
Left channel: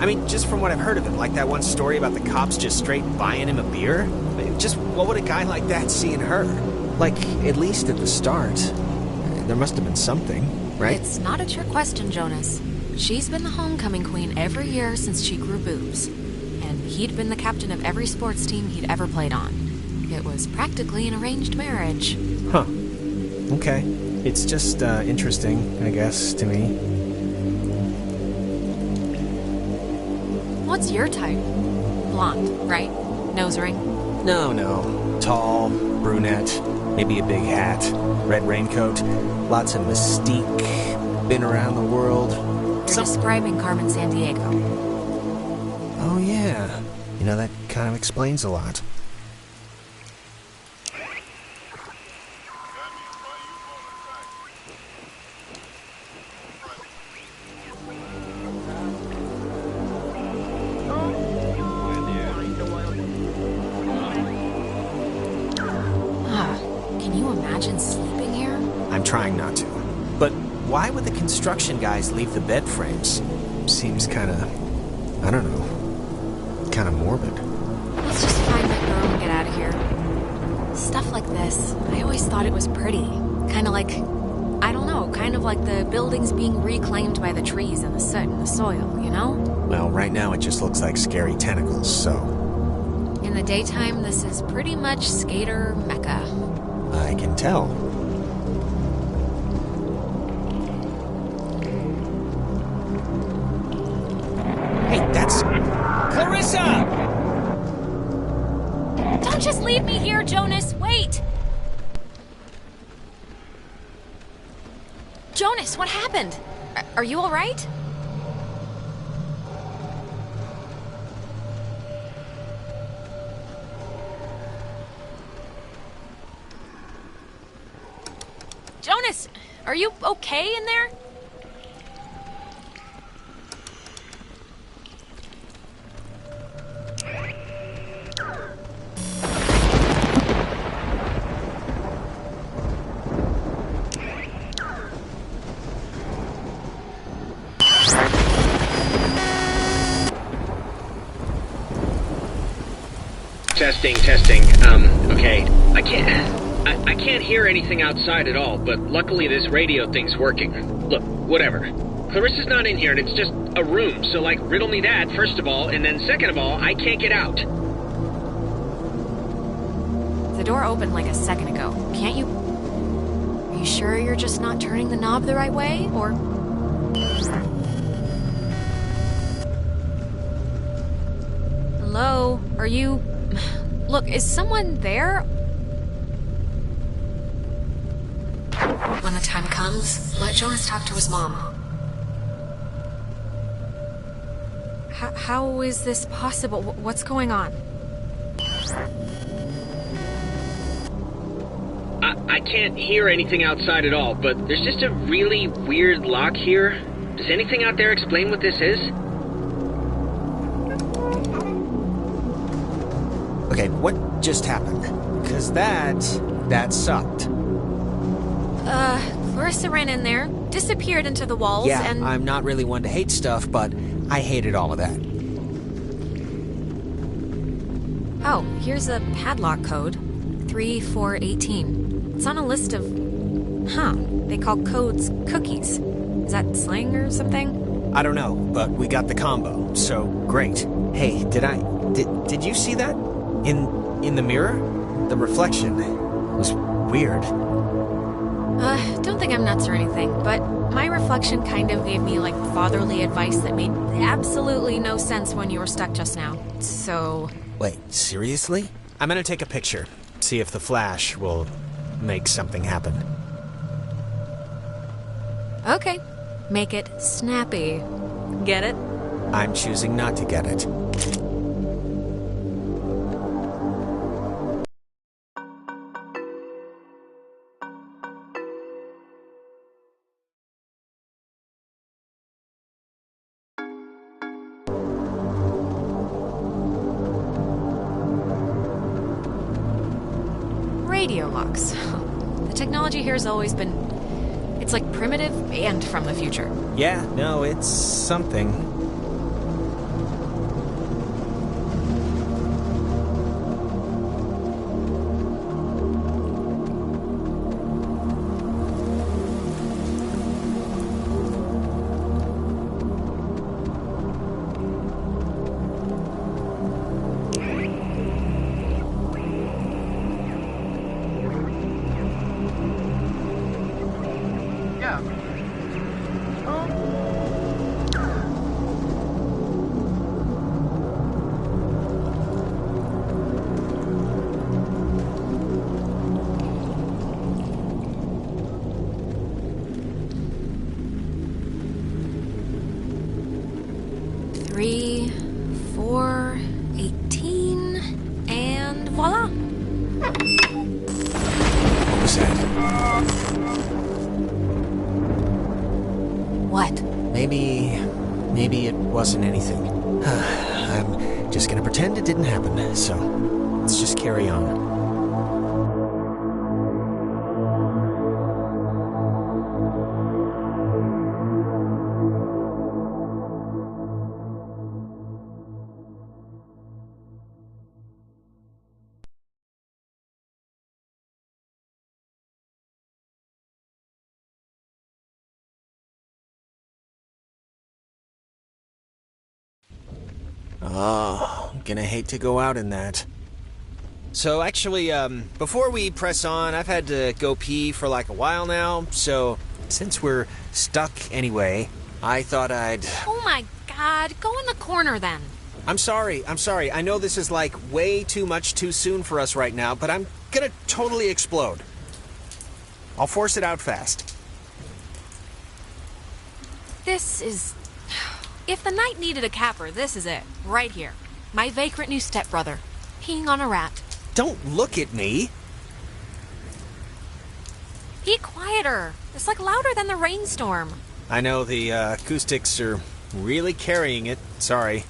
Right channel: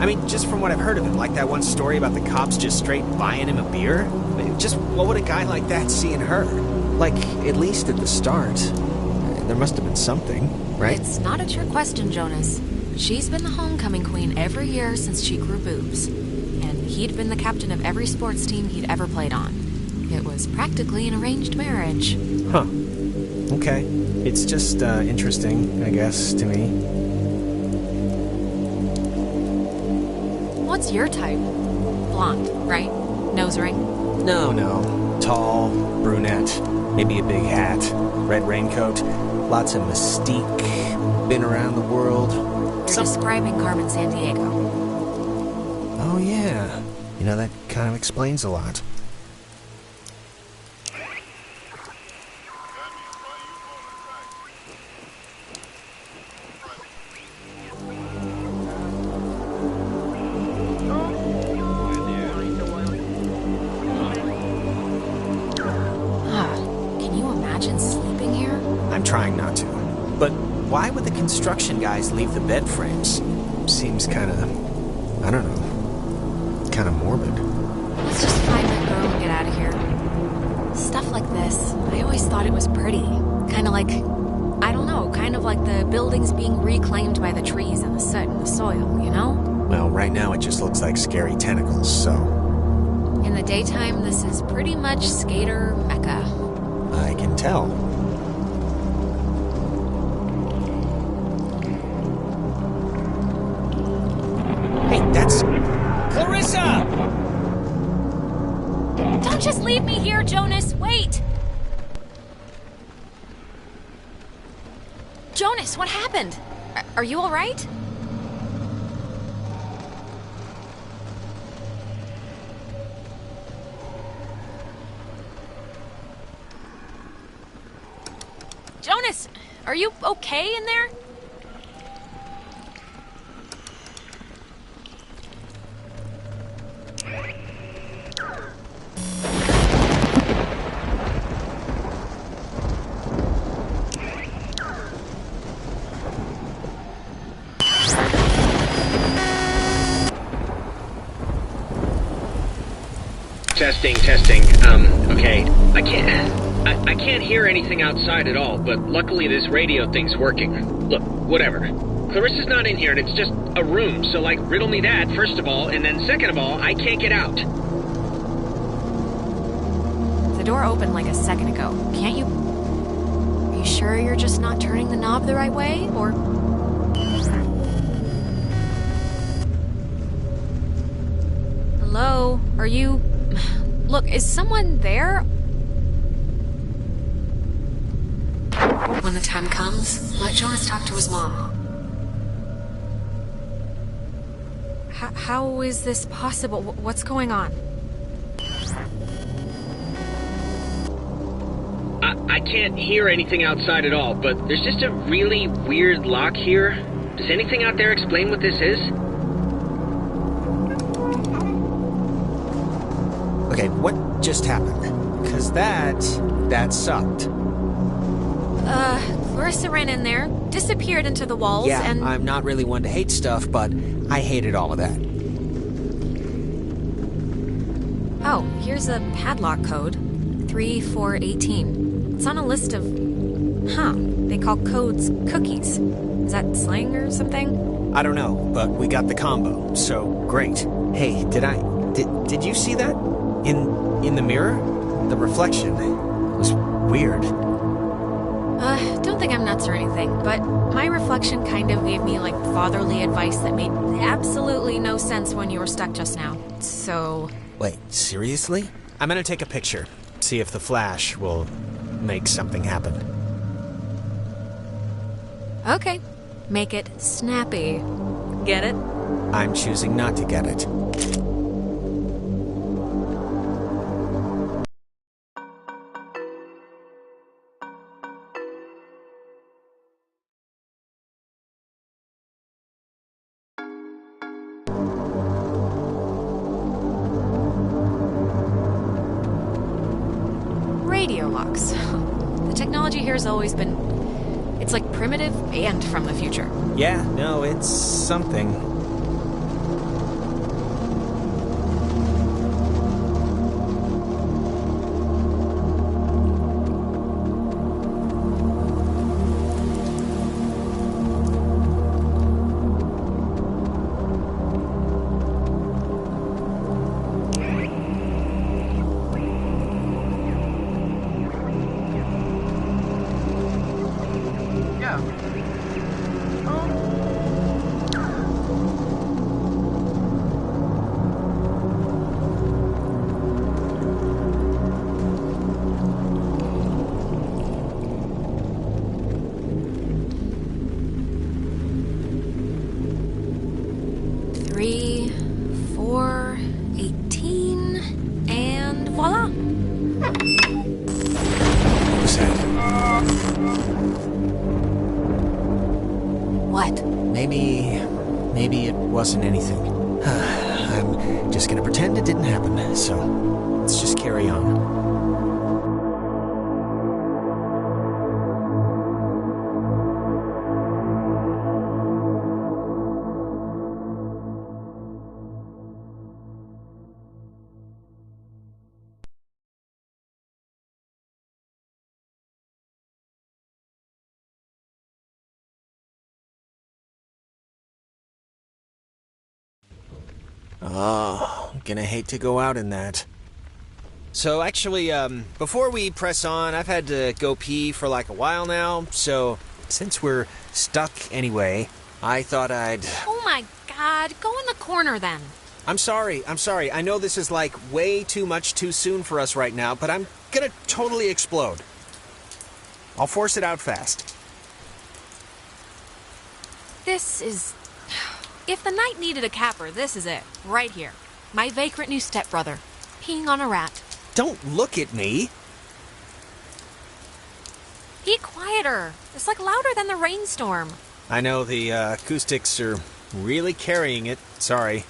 I mean, just from what I've heard of him, like that one story about the cops just straight buying him a beer. Just what would a guy like that see in her? Like, at least at the start, there must have been something, right? It's not a trick question, Jonas. She's been the homecoming queen every year since she grew boobs. And he'd been the captain of every sports team he'd ever played on. It was practically an arranged marriage. Huh. Okay. It's just, interesting, I guess, to me. What's your type? Blonde, right? Nose ring? No. Tall, brunette, maybe a big hat, red raincoat, lots of mystique, been around the world. You're describing Carmen Sandiego. Oh, yeah. You know, that kind of explains a lot. trying not to. But why would the construction guys leave the bed frames? Seems kinda... I don't know. Kinda morbid. Let's just find that girl and get out of here. Stuff like this, I always thought it was pretty. Kinda like... I don't know, kind of like the buildings being reclaimed by the trees and the soot and the soil, you know? Well, right now it just looks like scary tentacles, so... In the daytime, this is pretty much skater mecca. I can tell. Hey, that's... Clarissa! Don't just leave me here, Jonas! Wait! Jonas, what happened? Are you all right? Jonas, are you okay in there? Testing. Okay. I can't hear anything outside at all, but luckily this radio thing's working. Look, whatever. Clarissa's not in here and it's just a room, so like, riddle me that, first of all, and then second of all, I can't get out. The door opened like a second ago. Can't you... Are you sure you're just not turning the knob the right way, or... Hello? Are you... Look, is someone there? When the time comes, let Jonas talk to his mom. How is this possible? What's going on? I can't hear anything outside at all, but there's just a really weird lock here. Does anything out there explain what this is? Okay, what just happened? 'Cause that sucked. Clarissa ran in there, disappeared into the walls, yeah, and... I'm not really one to hate stuff, but I hated all of that. Oh, here's a padlock code. 3418. It's on a list of... Huh. They call codes cookies. Is that slang or something? I don't know, but we got the combo, so great. Hey, did you see that? In the mirror? The reflection. It was weird. Don't think I'm nuts or anything, but my reflection kind of gave me, like, fatherly advice that made absolutely no sense when you were stuck just now. So... Wait, seriously? I'm gonna take a picture. See if the flash will make something happen. Okay. Make it snappy. Get it? I'm choosing not to get it. Radio locks. The technology here has always been... It's like primitive and from the future. Yeah, no, it's something. Three, 4, 18, and voila! What was that? What? Maybe it wasn't anything. I'm just gonna pretend it didn't happen, so let's just carry on. Oh, gonna hate to go out in that. So actually, before we press on, I've had to go pee for like a while now, so since we're stuck anyway, I thought I'd... Oh my god, go in the corner then. I'm sorry. I know this is like way too much too soon for us right now, but I'm gonna totally explode. I'll force it out fast. This is... If the night needed a capper, this is it. Right here. My vagrant new stepbrother. Peeing on a rat. Don't look at me. Be quieter. It's like louder than the rainstorm. I know the acoustics are really carrying it. Sorry.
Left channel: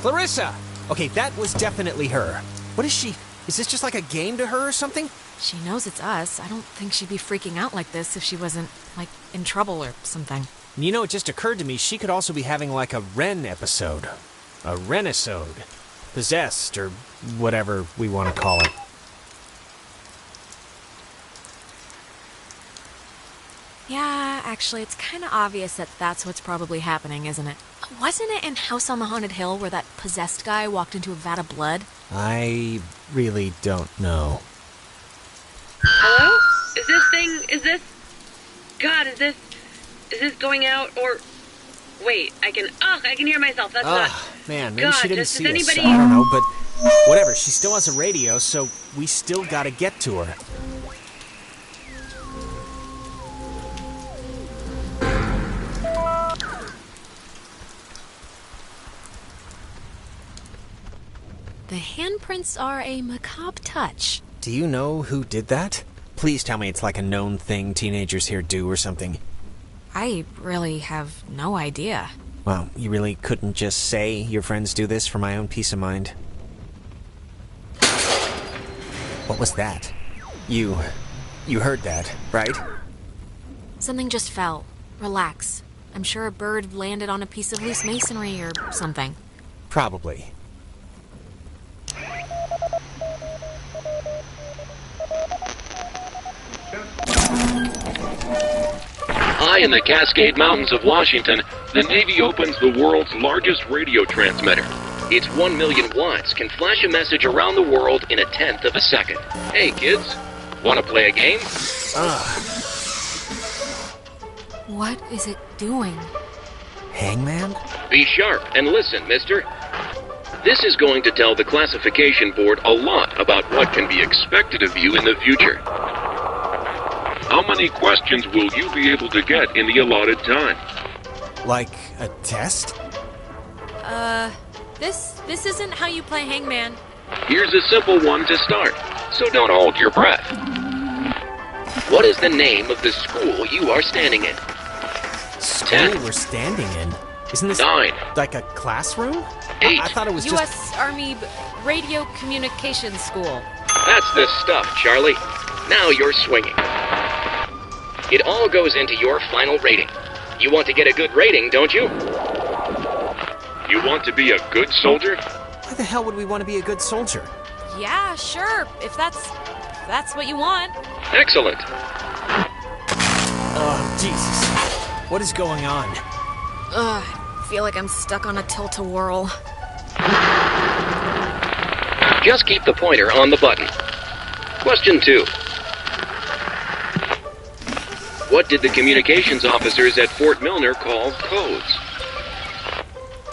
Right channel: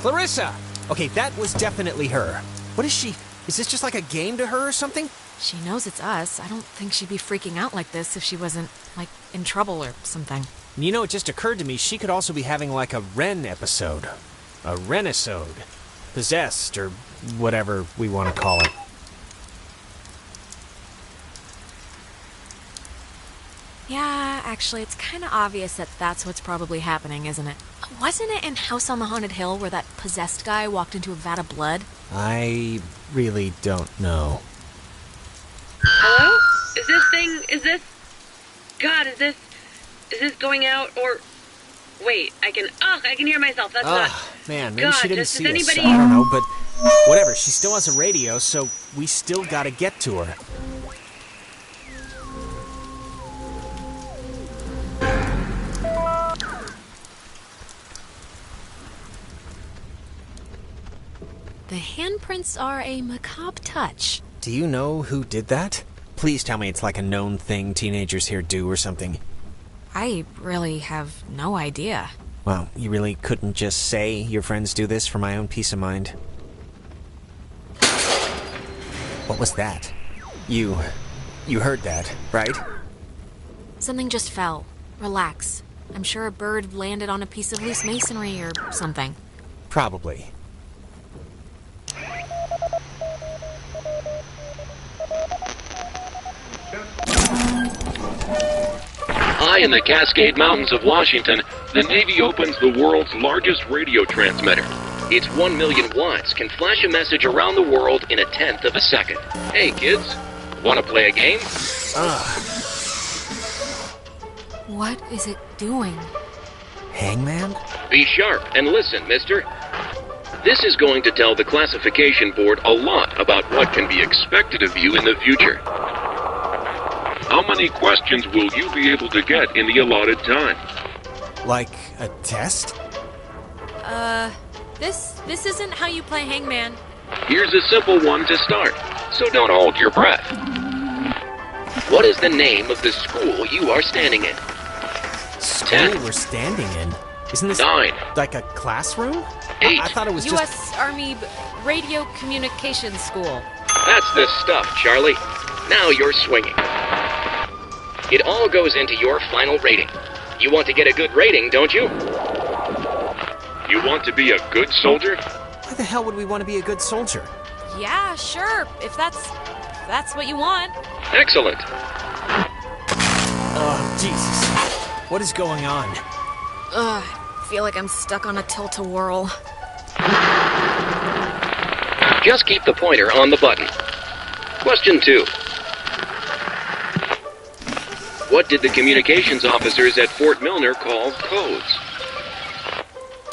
Clarissa! Okay, that was definitely her. What is she? Is this just like a game to her or something? She knows it's us. I don't think she'd be freaking out like this if she wasn't, like, in trouble or something. You know, it just occurred to me she could also be having like a Ren episode. A Renisode. Possessed, or whatever we want to call it. Yeah, actually, it's kind of obvious that that's what's probably happening, isn't it? Wasn't it in House on the Haunted Hill where that possessed guy walked into a vat of blood? I really don't know. Hello? Is this going out, or... Wait, I can hear myself, that's not... Man, maybe God, she didn't does see anybody... us. I don't know, but whatever, she still has a radio, so we still gotta get to her. The handprints are a macabre touch. Do you know who did that? Please tell me it's like a known thing teenagers here do or something. I really have no idea. Well, you really couldn't just say your friends do this for my own peace of mind? What was that? You heard that, right? Something just fell. Relax. I'm sure a bird landed on a piece of loose masonry or something. Probably. High in the Cascade Mountains of Washington, the Navy opens the world's largest radio transmitter. Its 1 million watts can flash a message around the world in 1/10 of a second. Hey kids, wanna play a game? What is it doing? Hangman? Be sharp and listen, mister. This is going to tell the classification board a lot about what can be expected of you in the future. How many questions will you be able to get in the allotted time? Like a test? This isn't how you play Hangman. Here's a simple one to start, so don't hold your breath. What is the name of the school you are standing in? School 10. we're standing in? Isn't this 9. like a classroom? 8. I thought it was U.S. Army Radio Communications School. That's the stuff, Charlie. Now you're swinging. It all goes into your final rating. You want to get a good rating, don't you? You want to be a good soldier? Why the hell would we want to be a good soldier? Yeah, sure. If that's what you want. Excellent. Oh, Jesus. What is going on? I feel like I'm stuck on a tilt-a-whirl. Just keep the pointer on the button. Question 2. What did the communications officers at Fort Milner call codes?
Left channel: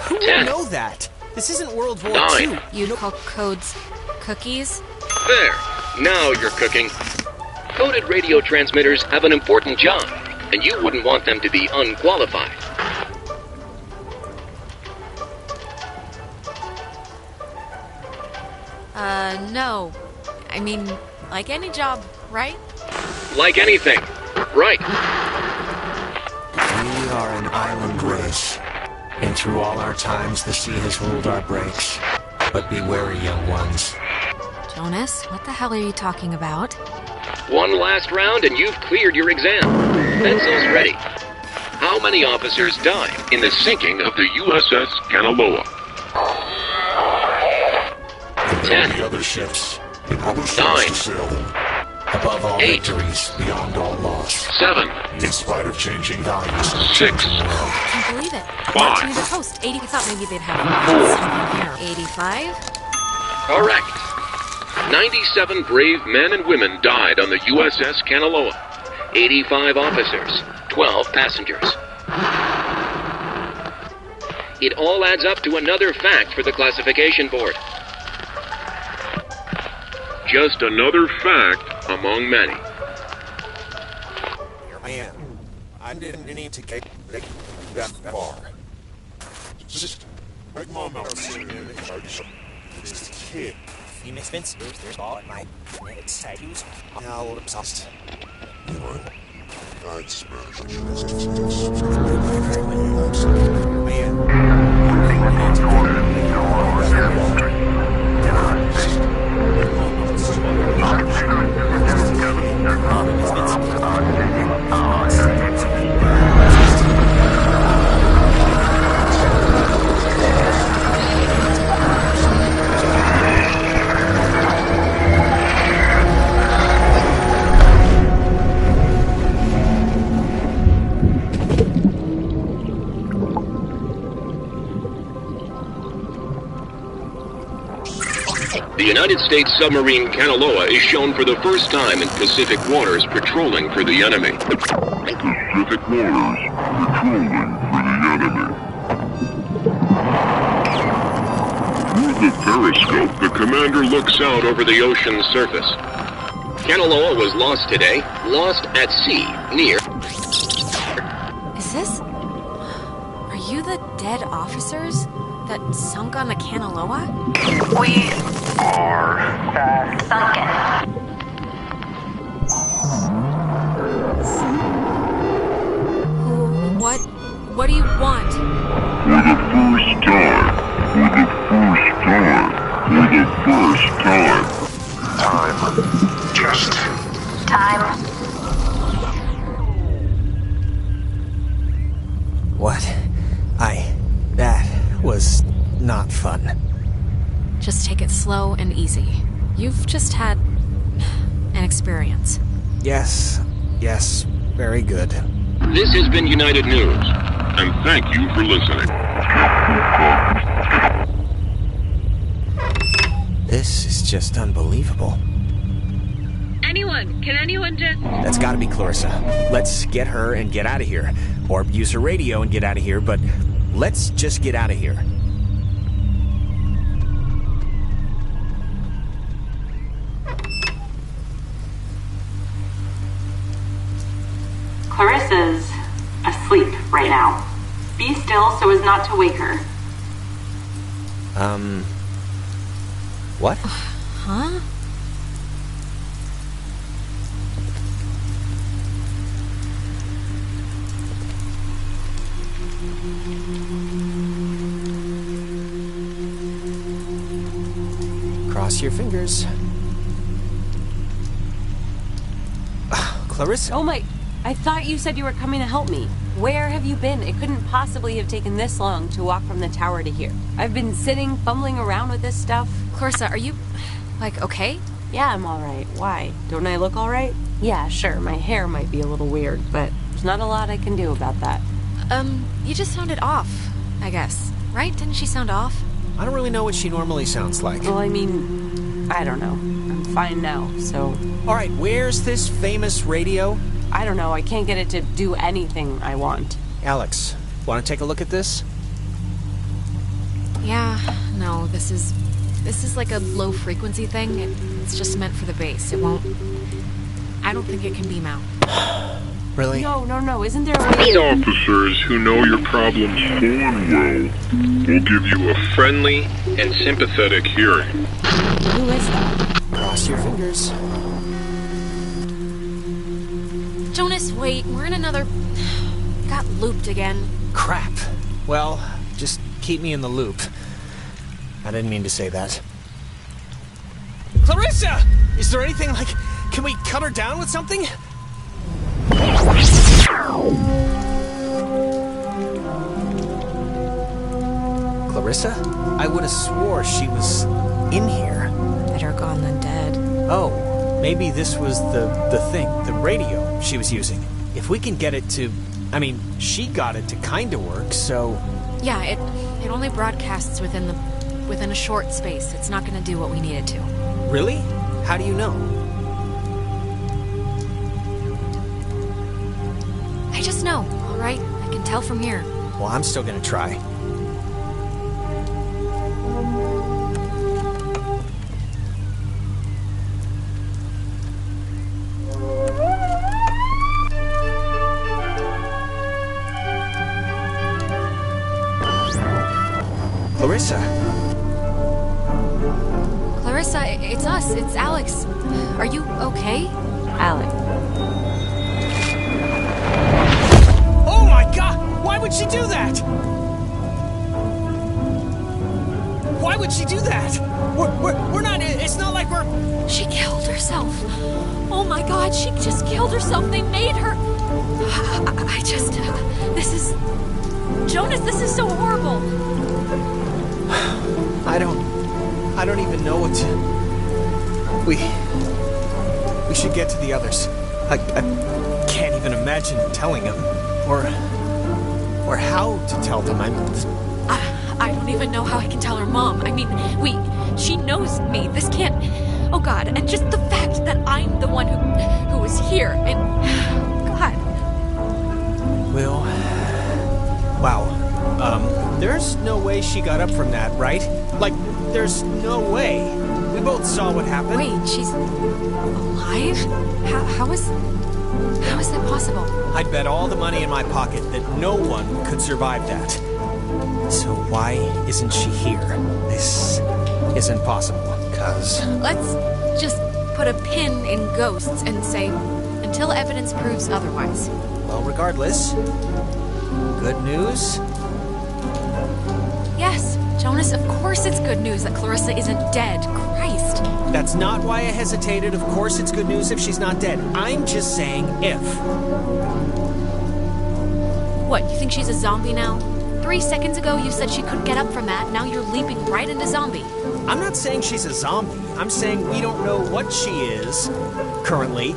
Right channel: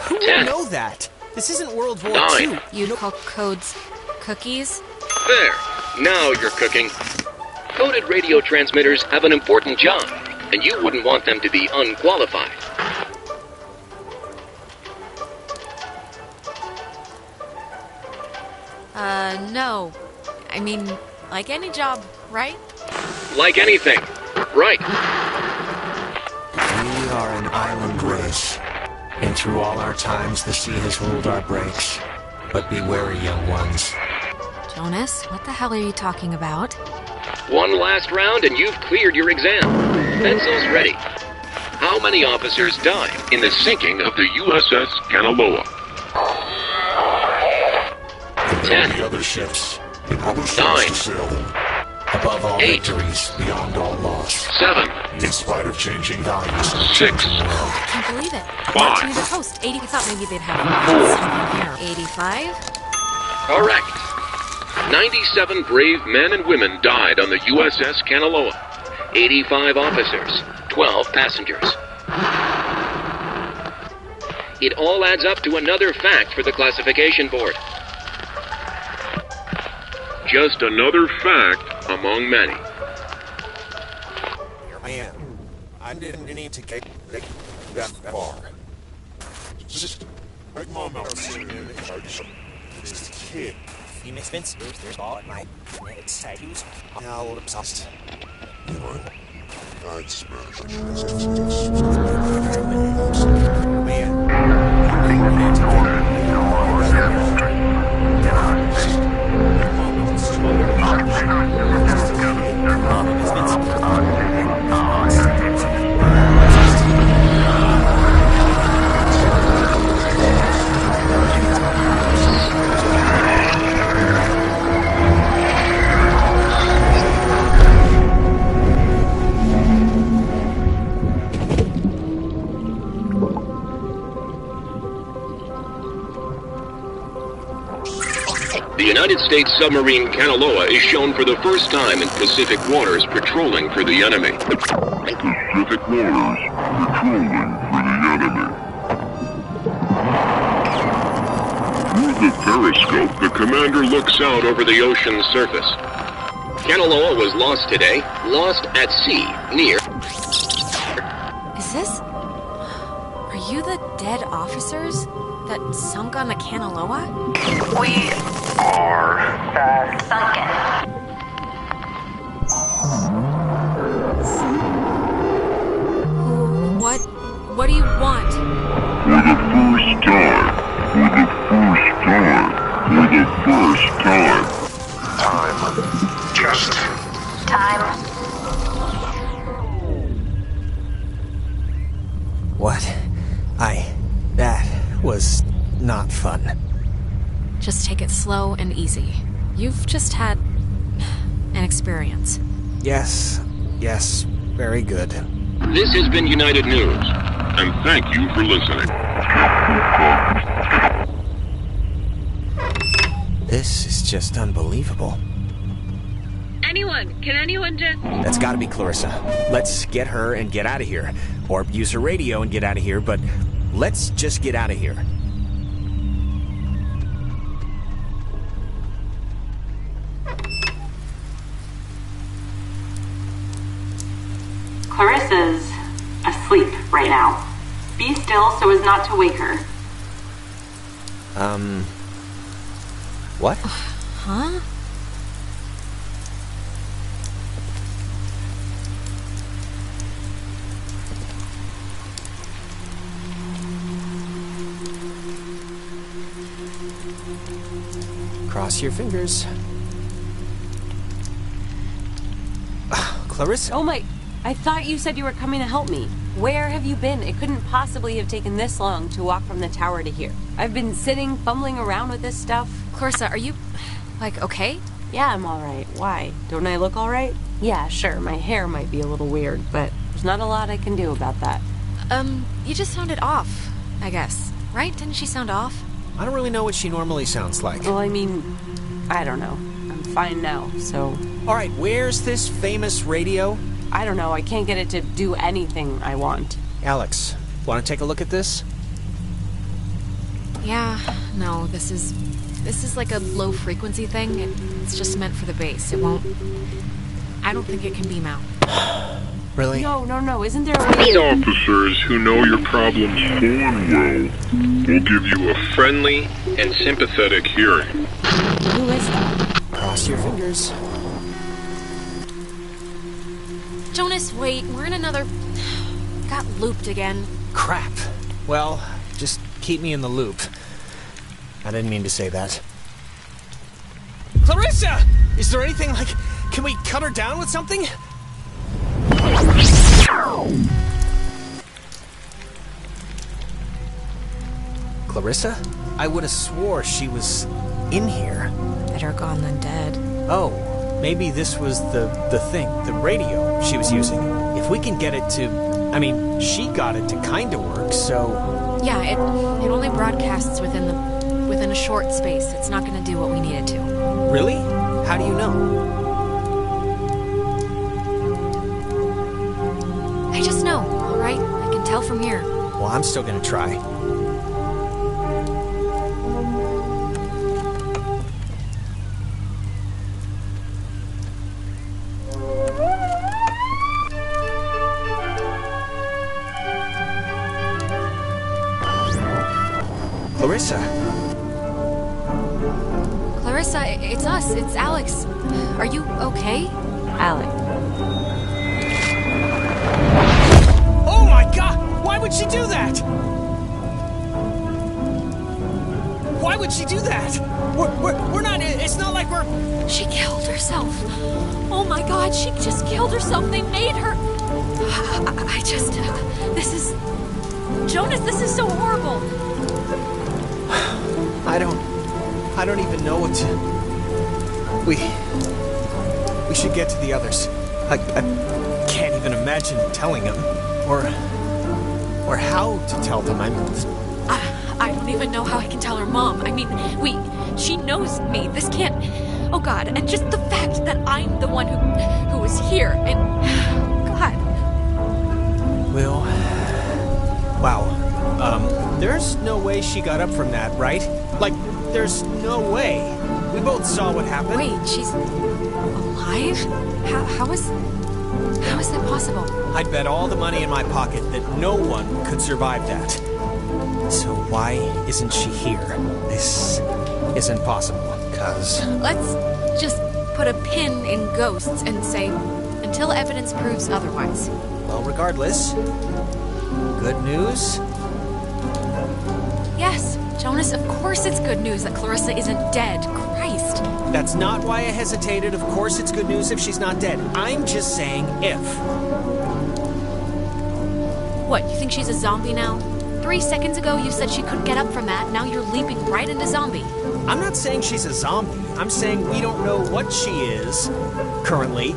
Who 10. would know that? This isn't World War 9. II. You'd call codes cookies? There. Now you're cooking. Coded radio transmitters have an important job, and you wouldn't want them to be unqualified. No. I mean, like any job, right? Like anything. Right. We are an island race, and through all our times the sea has ruled our breaks. But be wary, young ones. Jonas, what the hell are you talking about? One last round and you've cleared your exam. Pencils ready. How many officers died in the sinking of the USS Kanaloa? 10. The other ships, Above all 8, victories, beyond all loss. 7, In spite of changing values. 6, I can't believe it. 5. Marching to the coast. 80. I thought maybe they'd have something here. 85. Correct. 97 brave men and women died on the USS Kanaloa. 85 officers, 12 passengers. It all adds up to another fact for the classification board. Just another fact among many. Here I am. I didn't need to get that far. Just make mom out this kid. You miss Vince? There's all at my tattoos. Now obsessed. I'd smash The United States submarine Kanaloa is shown for the first time in Pacific waters patrolling for the enemy. Pacific waters, patrolling for the enemy. Through the periscope, the commander looks out over the ocean's surface. Kanaloa was lost today, lost at sea, near... Is this? Are you the dead officers that sunk on the Kanaloa? We are sunken. What do you want? For the first time. Time. Just time. What? That was not fun. Just take it slow and easy. You've just had an experience. Yes, very good. This has been United News, and thank you for listening. This is just unbelievable. Can anyone just... That's gotta be Clarissa. Let's get her and get out of here. Or use her radio and get out of here, but let's just get out of here. Clarissa's asleep right now. Be still so as not to wake her. What? Huh? Cross your fingers. Clarissa? Oh my... I thought you said you were coming to help me. Where have you been? It couldn't possibly have taken this long to walk from the tower to here. I've been sitting, fumbling around with this stuff. Clarissa, are you, okay? Yeah, I'm alright. Why? Don't I look alright? Yeah, sure, my hair might be a little weird, but there's not a lot I can do about that. You just sounded off, I guess. Right? Didn't she sound off? I don't really know what she normally sounds like. Well, I mean, I don't know. I'm fine now, so... Alright, where's this famous radio? I don't know, I can't get it to do anything I want. Alex, want to take a look at this? Yeah, no, this is like a low frequency thing. It's just meant for the base. It won't... I don't think it can beam out. Really? No, isn't there a way... These officers who know your problems full and well will give you a friendly and sympathetic hearing. Who is that? Cross your fingers. Jonas, wait, we're in another... Got looped again. Crap. Well, just keep me in the loop. I didn't mean to say that. Clarissa! Is there anything, can we cut her down with something? Clarissa? I would have swore she was in here. I better gone than dead. Oh, maybe this was the thing, the radio she was using. If we can get it to... I mean, she got it to kinda work, so... Yeah, it only broadcasts within a short space. It's not gonna do what we need it to. Really? How do you know? I just know, alright? I can tell from here. Well, I'm still gonna try. Clarissa, it's us. It's Alex. Are you okay? Alex. Oh my god! Why would she do that? Why would she do that? We're not... It's not like we're... She killed herself. Oh my god, she just killed herself. They made her... This is... Jonas, this is so horrible. I don't even know what to... We should get to the others. I can't even imagine telling them. Or how to tell them. I don't even know how I can tell her mom. I mean, she knows me. This can't... Oh god, and just the fact that I'm the one who was here, and... God. Well... Wow. There's no way she got up from that, right? Like, there's no way. We both saw what happened. Wait, she's... alive? How is that possible? I'd bet all the money in my pocket that no one could survive that. So why isn't she here? This isn't possible, cuz... Let's just put a pin in ghosts and say, until evidence proves otherwise. Well, regardless, good news? Yes, Jonas, of course it's good news that Clarissa isn't dead. Christ. That's not why I hesitated. Of course it's good news if she's not dead. I'm just saying if. What, you think she's a zombie now? 3 seconds ago you said she couldn't get up from that, now you're leaping right into zombie. I'm not saying she's a zombie. I'm saying we don't know what she is, currently.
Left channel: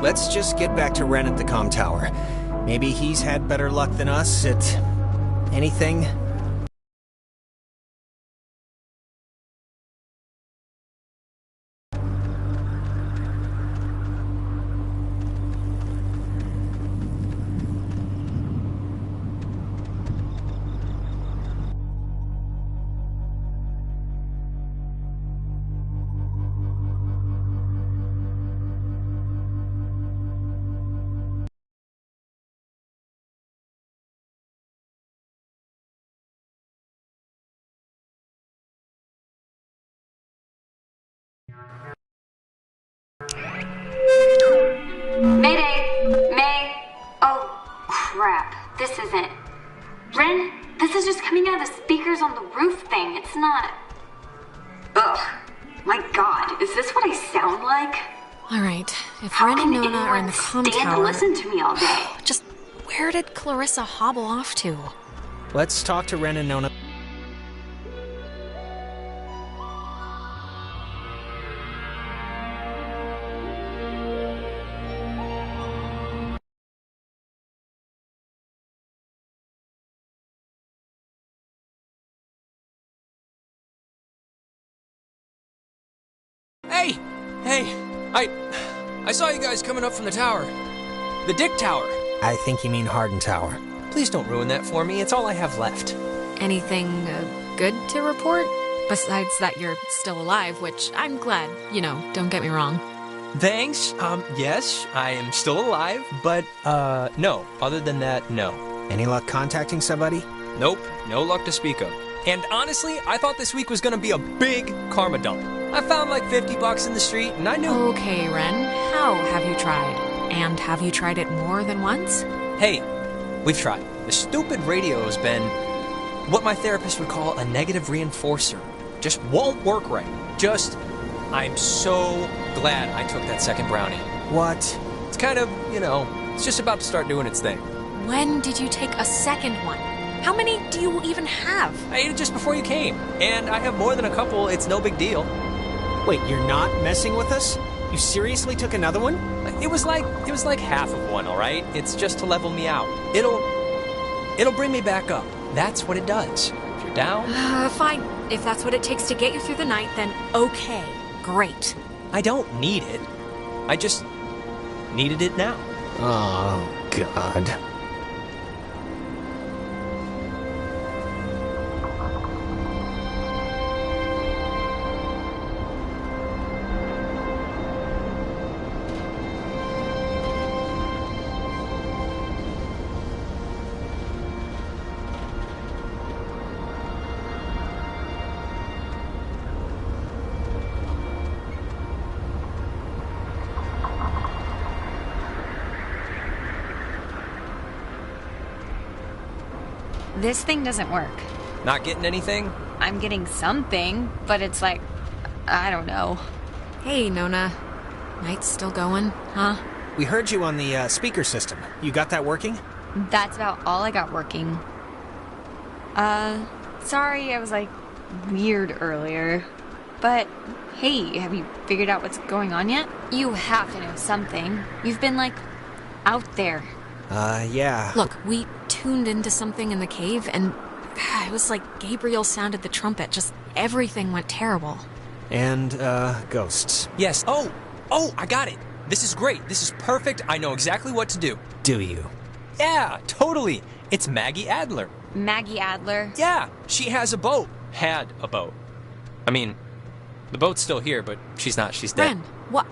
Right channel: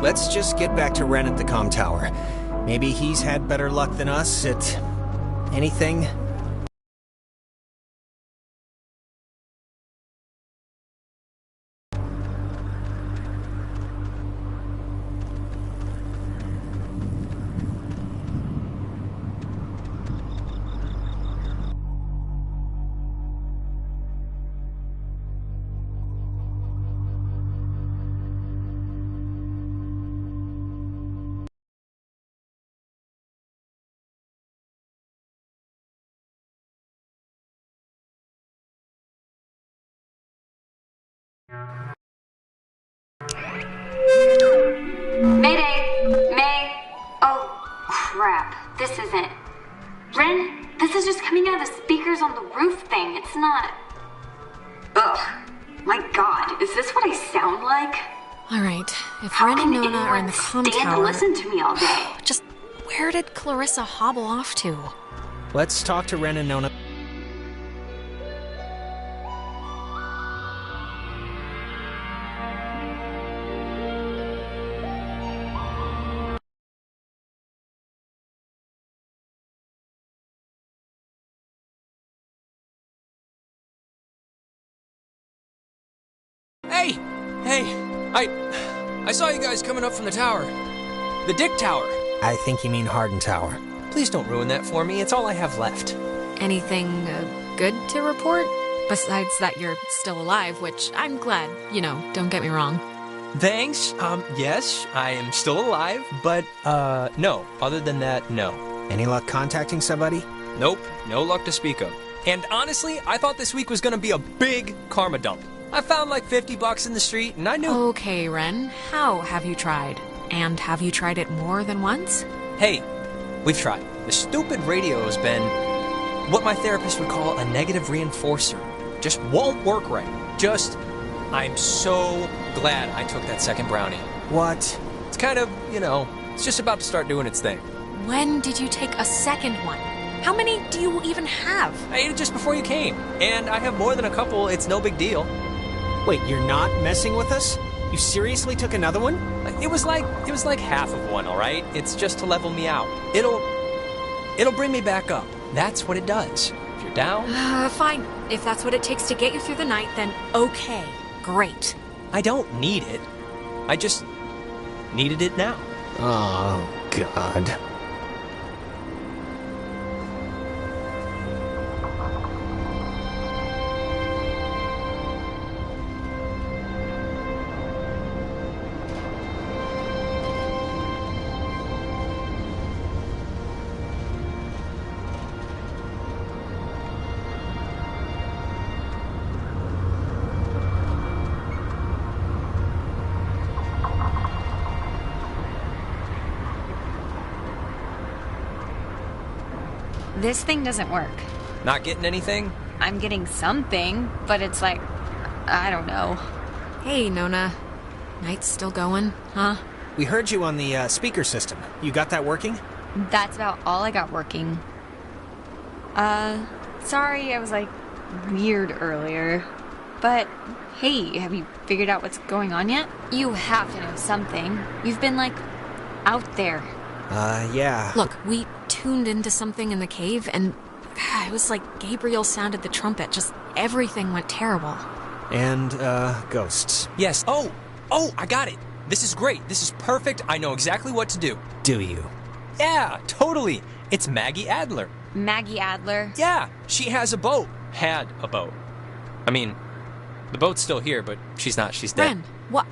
Let's just get back to Ren at the comm tower. Maybe he's had better luck than us at... anything? Mayday! May! Oh, crap. This isn't... Ren, this is just coming out of the speakers on the roof thing. It's not... Ugh. My god, is this what I sound like? Alright, if Ren and Nona are in the comm tower... and listen to me all day? Just where did Clarissa hobble off to? Let's talk to Ren and Nona. Hey, I saw you guys coming up from the tower. The Dick Tower. I think you mean Harden Tower. Please don't ruin that for me. It's all I have left. Anything good to report? Besides that you're still alive, which I'm glad, don't get me wrong. Thanks. Yes, I am still alive, but, no. Other than that, no. Any luck contacting somebody? Nope, no luck to speak of. And honestly, I thought this week was gonna be a big karma dump. I found like $50 in the street, and I knew... Okay, Ren, how have you tried? And have you tried it more than once? Hey, We've tried. The stupid radio has been what my therapist would call a negative reinforcer. Just won't work right. I'm so glad I took that second brownie. What? It's kind of, it's just about to start doing its thing. When did you take a second one? How many do you even have? I ate it just before you came, and I have more than a couple. It's no big deal. Wait, you're not messing with us? You seriously took another one? It was like half of one, all right? It's just to level me out. It'll bring me back up. That's what it does. If you're down... Fine. If that's what it takes to get you through the night, then okay. Great. I don't need it. I just needed it now. Oh, God. This thing doesn't work. Not getting anything? I'm getting something, but it's like, I don't know. Hey, Nona. Night's still going, huh? We heard you on the speaker system. You got that working? That's about all I got working. Sorry I was like weird earlier. But hey, have you figured out what's going on yet? You have to know something. You've been like out there. Yeah. Look, we tuned into something in the cave and it was like Gabriel sounded the trumpet. Just everything went terrible. And, ghosts. Yes. Oh, I got it. This is great. This is perfect. I know exactly what to do. Do you? Yeah, totally. It's Maggie Adler. Maggie Adler? Yeah, she has a boat. Had a boat. I mean, the boat's still here, but she's not. She's dead. Ren, what?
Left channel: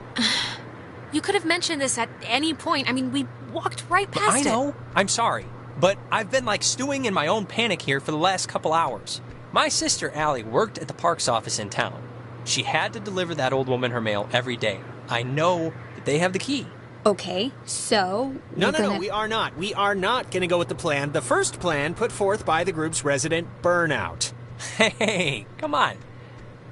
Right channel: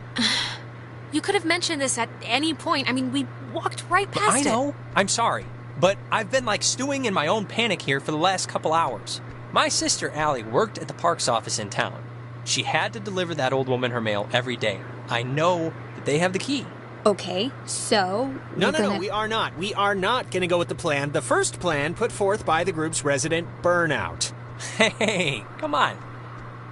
You could have mentioned this at any point. I mean, we walked right past it. I know. I'm sorry. But I've been like stewing in my own panic here for the last couple hours. My sister Allie worked at the parks office in town. She had to deliver that old woman her mail every day. I know that they have the key. Okay, so... No, we are not. We are not going to go with the plan. The first plan put forth by the group's resident Burnout. Hey, come on.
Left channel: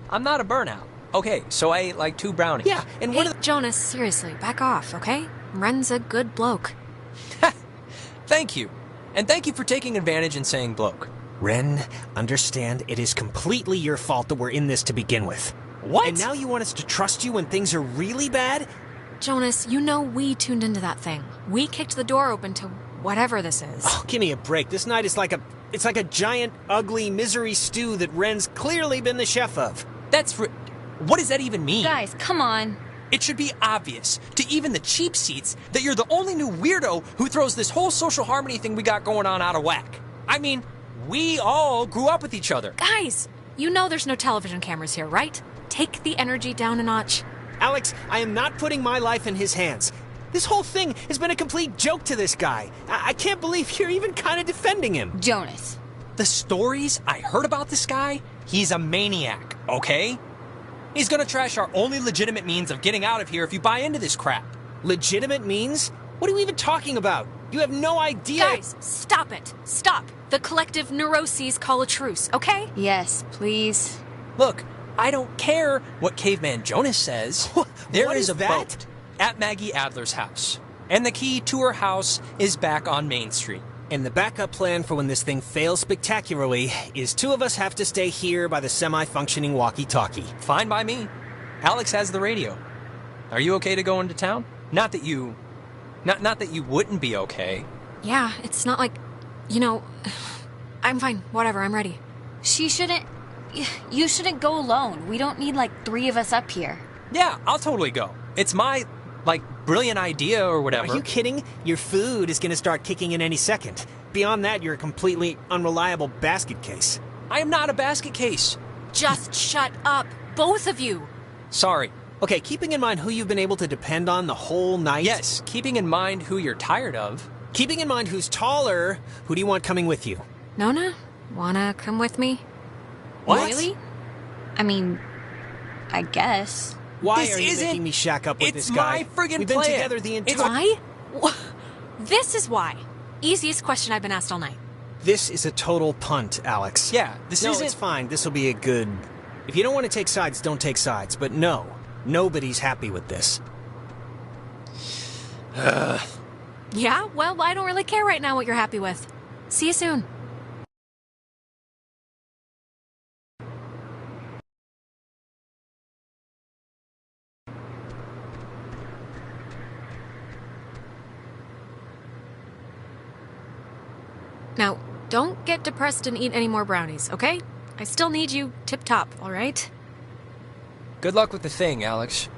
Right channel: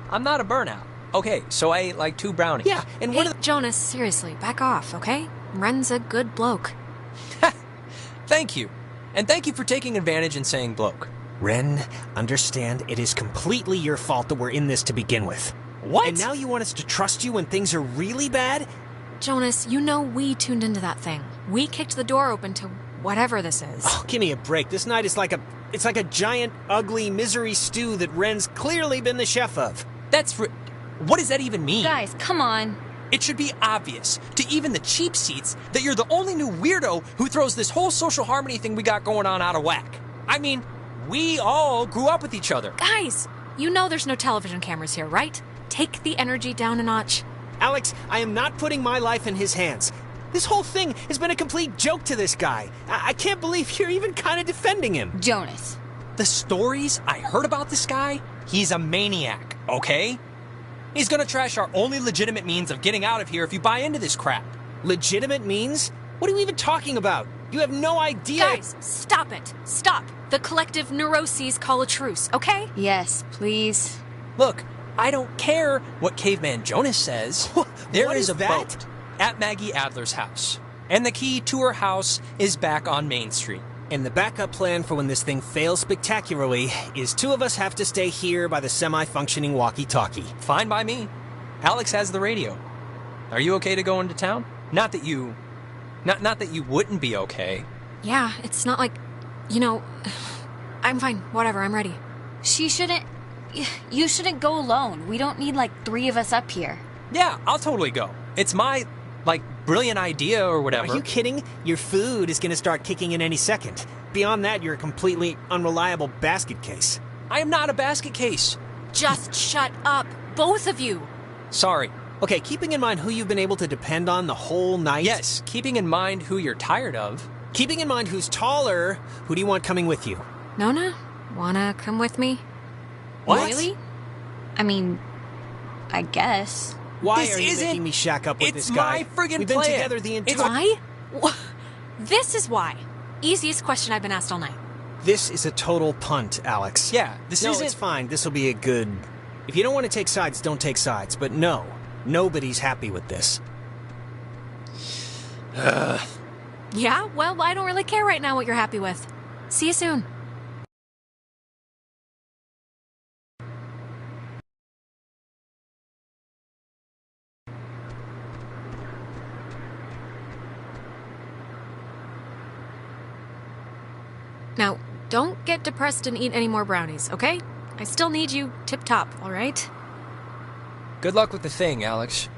I'm not a burnout. Okay, so I ate like 2 brownies. Yeah, and hey, Jonas, seriously, back off, okay? Ren's a good bloke. Thank you. And thank you for taking advantage and saying bloke. Ren, understand it is completely your fault that we're in this to begin with. What? And now you want us to trust you when things are really bad? Jonas, you know we tuned into that thing. We kicked the door open to whatever this is. Oh, give me a break. This night is like a giant, ugly misery stew that Ren's clearly been the chef of. What does that even mean? Guys, come on. It should be obvious to even the cheap seats that you're the only new weirdo who throws this whole social harmony thing we got going on out of whack. I mean, we all grew up with each other. Guys, you know there's no television cameras here, right? Take the energy down a notch. Alex, I am not putting my life in his hands. This whole thing has been a complete joke to this guy. I can't believe you're even kind of defending him. Jonas. The stories I heard about this guy, he's a maniac, okay? He's gonna trash our only legitimate means of getting out of here if you buy into this crap. Legitimate means? What are you even talking about? You have no idea. Guys, stop it. Stop. The collective neuroses call a truce, okay? Yes, please. Look, I don't care what Caveman Jonas says. There is a boat at Maggie Adler's house. And the key to her house is back on Main Street. And the backup plan for when this thing fails spectacularly is 2 of us have to stay here by the semi-functioning walkie-talkie. Fine by me. Alex has the radio. Are you okay to go into town? Not that you wouldn't be okay. Yeah, it's not like, I'm fine. Whatever, I'm ready. You shouldn't go alone. We don't need like 3 of us up here. Yeah, I'll totally go. It's my, brilliant idea or whatever. Are you kidding? Your food is going to start kicking in any second. Beyond that, you're a completely unreliable basket case. I am not a basket case. Just shut up, both of you. Sorry. Okay, keeping in mind who you've been able to depend on the whole night. Yes, keeping in mind who you're tired of. Keeping in mind who's taller, who do you want coming with you? Nona, wanna come with me? What? Really? I mean, I guess. Why are you making me shack up with this guy? It's my friggin' We've been plan. together the entire... Why? This is why. easiest question I've been asked all night. This is a total punt, Alex. Yeah, this isn't... No, it's fine. This'll be a good... If you don't want to take sides, don't take sides. But no, nobody's happy with this. Yeah, well, I don't really care right now what you're happy with. See you soon. Now, don't get depressed and eat any more brownies, okay? I still need you tip-top, all right? Good luck with the thing, Alex.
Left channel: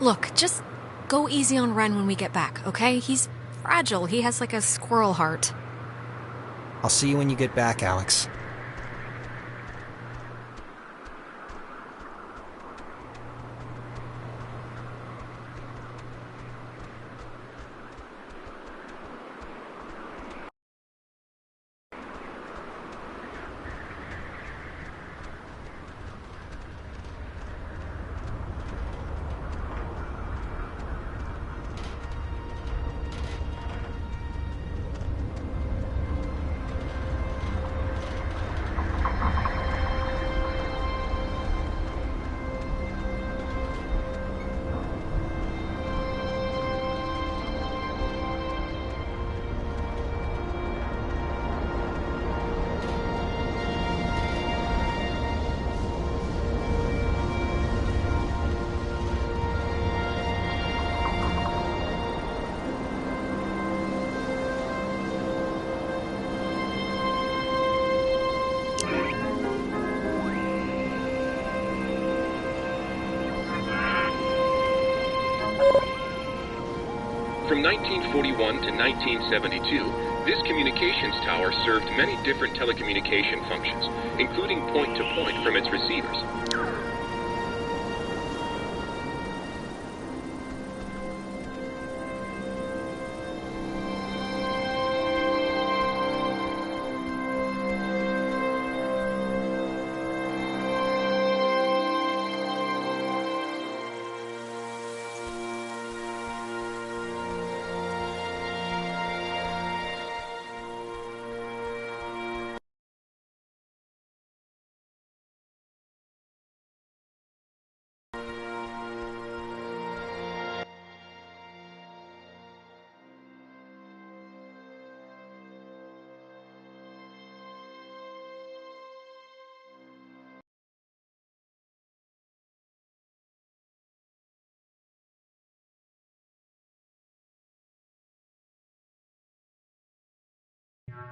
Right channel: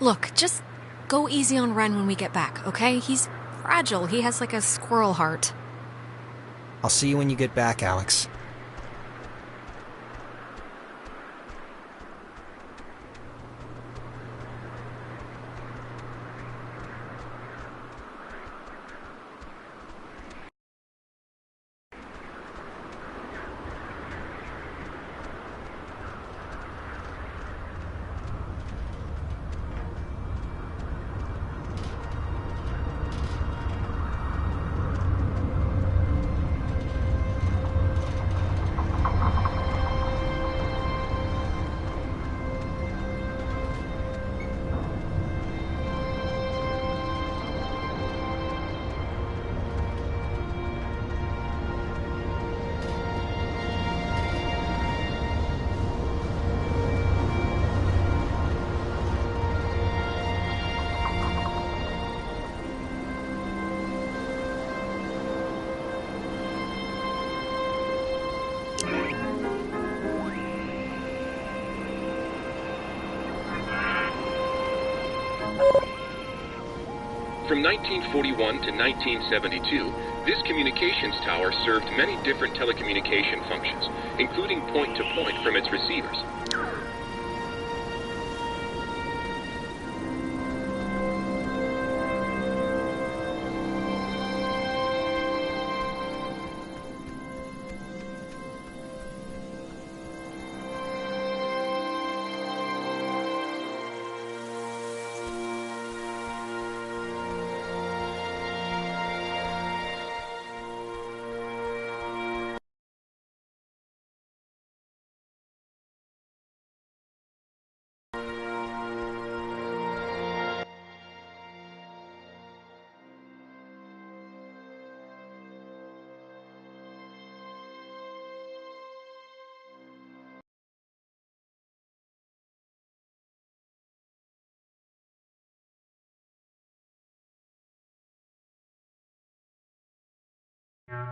Look, just go easy on Ren when we get back, okay? He's fragile. He has like a squirrel heart. I'll see you when you get back, Alex. From 1941 to 1972, this communications tower served many different telecommunication functions, including point-to-point from its receivers.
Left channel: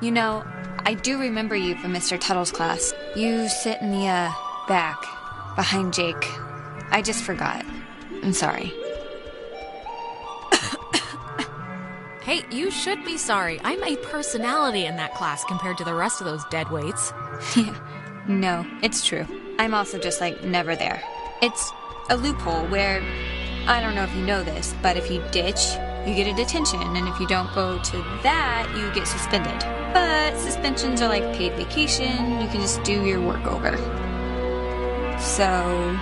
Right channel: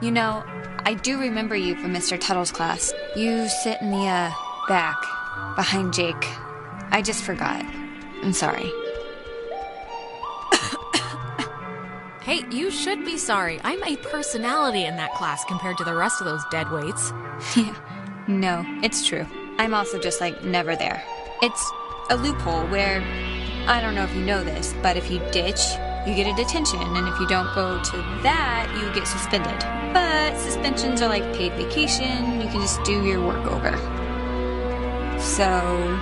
You know, I do remember you from Mr. Tuttle's class. You sit in the, back, behind Jake. I just forgot. I'm sorry. Hey, you should be sorry. I'm a personality in that class compared to the rest of those deadweights. Yeah, no, it's true. I'm also just, like, never there. It's a loophole where, I don't know if you know this, but if you ditch, you get a detention, and if you don't go to that, you get suspended. But suspensions are like paid vacation, you can just do your work over. So,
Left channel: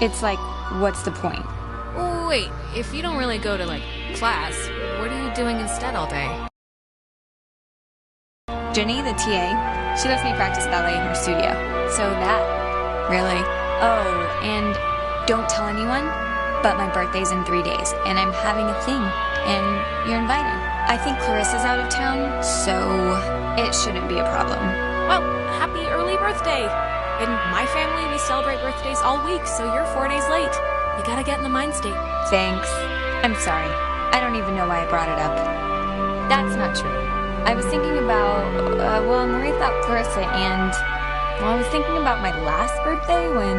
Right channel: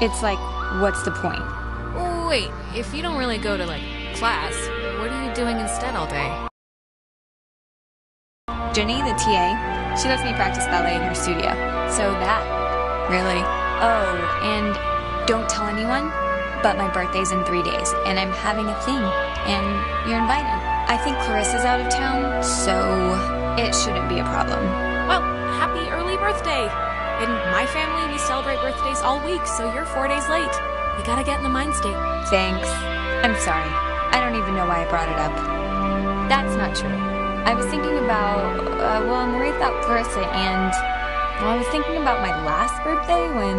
it's like, what's the point? Wait, if you don't really go to, like, class, what are you doing instead all day? Jenny, the TA, she lets me practice ballet in her studio. So that. Really? Oh, and don't tell anyone, but my birthday's in 3 days, and I'm having a thing, and you're invited. I think Clarissa's out of town, so it shouldn't be a problem. Well, happy early birthday! In my family, we celebrate birthdays all week, so you're 4 days late. You gotta get in the mind state. Thanks. I'm sorry. I don't even know why I brought it up. That's not true. I was thinking about, Marie thought Clarissa and... Well, I was thinking about my last birthday when,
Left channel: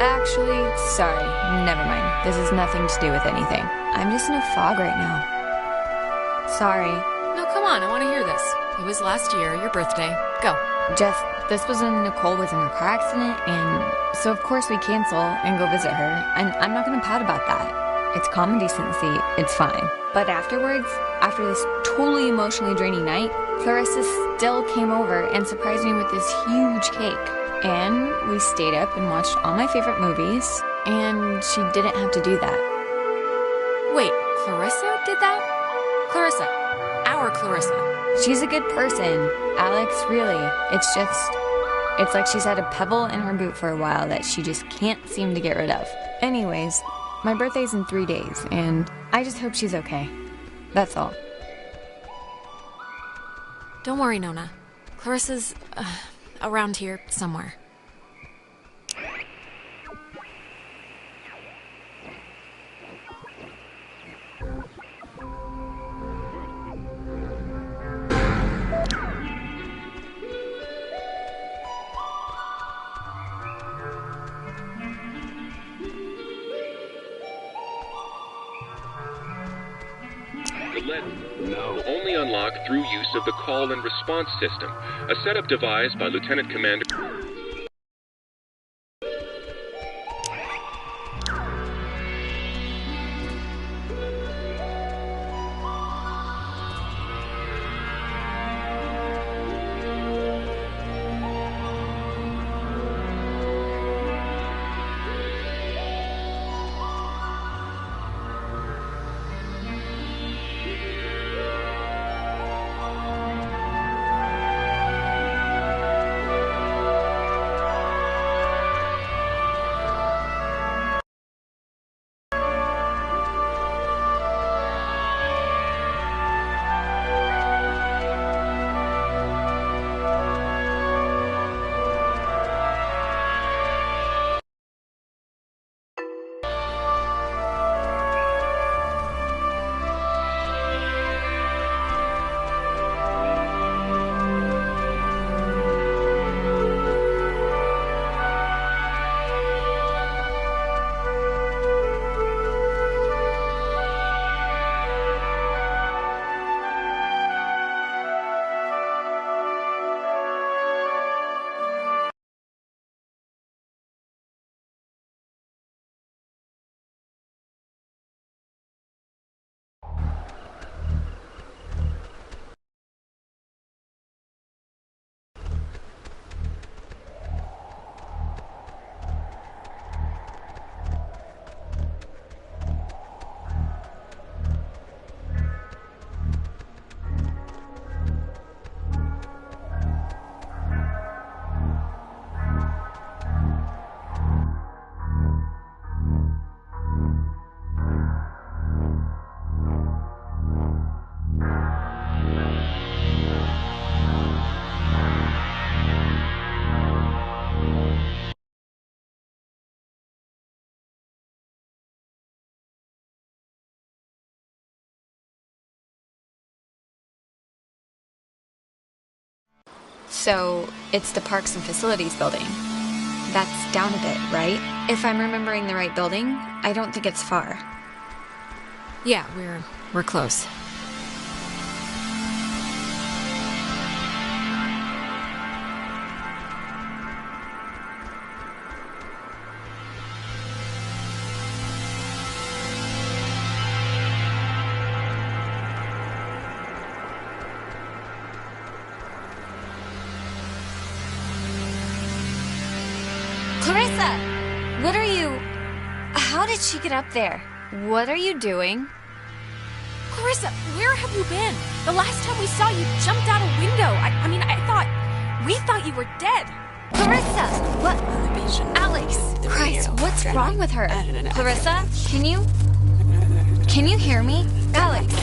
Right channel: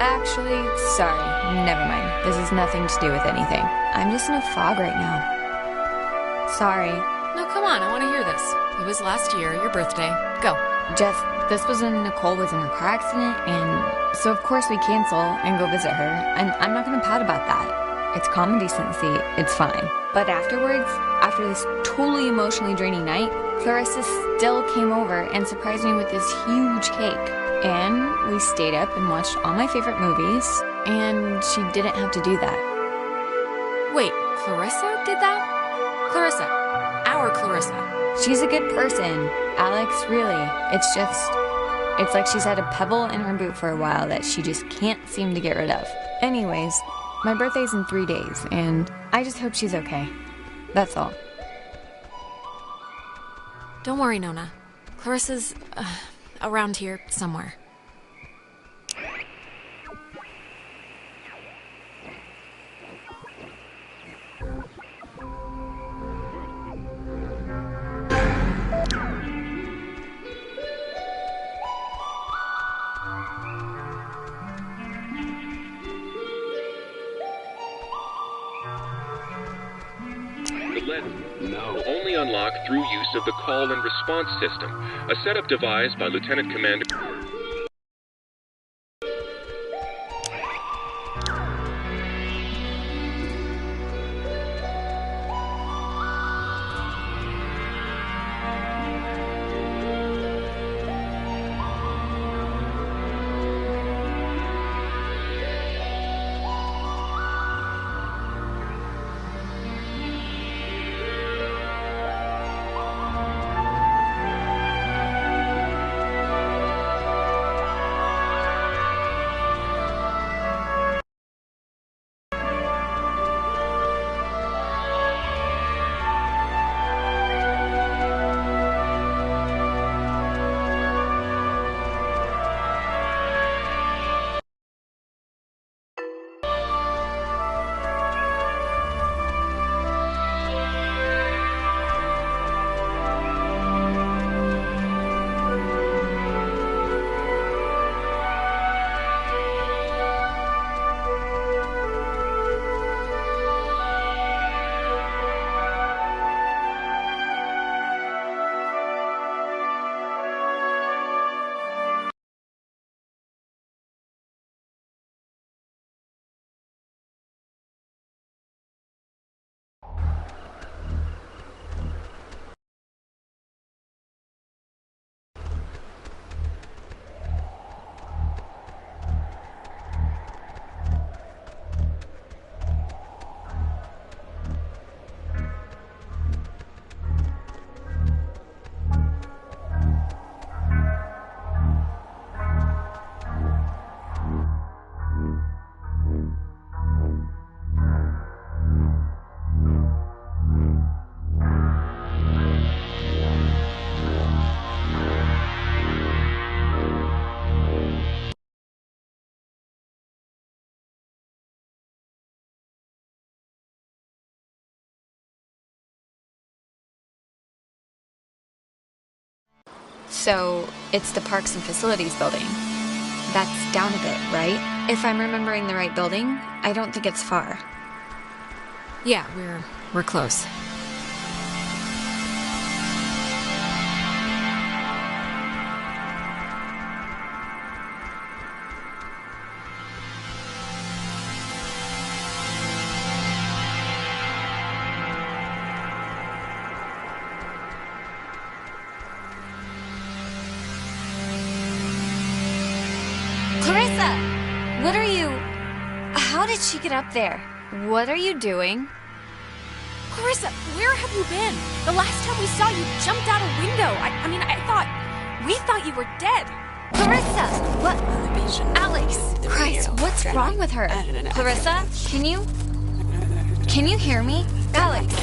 Actually, sorry. Never mind. This has nothing to do with anything. I'm just in a fog right now. Sorry. No, come on. I want to hear this. It was last year, your birthday. Go. Just, this was when Nicole was in a car accident, and so of course we cancel and go visit her, and I'm not gonna pout about that. It's common decency. It's fine. But afterwards, after this totally emotionally draining night, Clarissa still came over and surprised me with this huge cake. And we stayed up and watched all my favorite movies, and she didn't have to do that. Wait, Clarissa did that? Clarissa. Our Clarissa. She's a good person. Alex, really. It's like she's had a pebble in her boot for a while that she just can't seem to get rid of. Anyways, my birthday's in 3 days, and I just hope she's okay. That's all. Don't worry, Nona. Clarissa's around here somewhere. The lead will only unlock through use of the call and response system, a setup devised by Lieutenant Commander. So, it's the Parks and Facilities building. That's down a bit, right? If I'm remembering the right building, I don't think it's far. Yeah, we're close. Clarissa! What are you... How did she get up there? What are you doing? Clarissa, where have you been? The last time we saw you jumped out a window. We thought you were dead. Clarissa! What? Alex! Christ, what's wrong with her? Clarissa, can you hear me? Alex,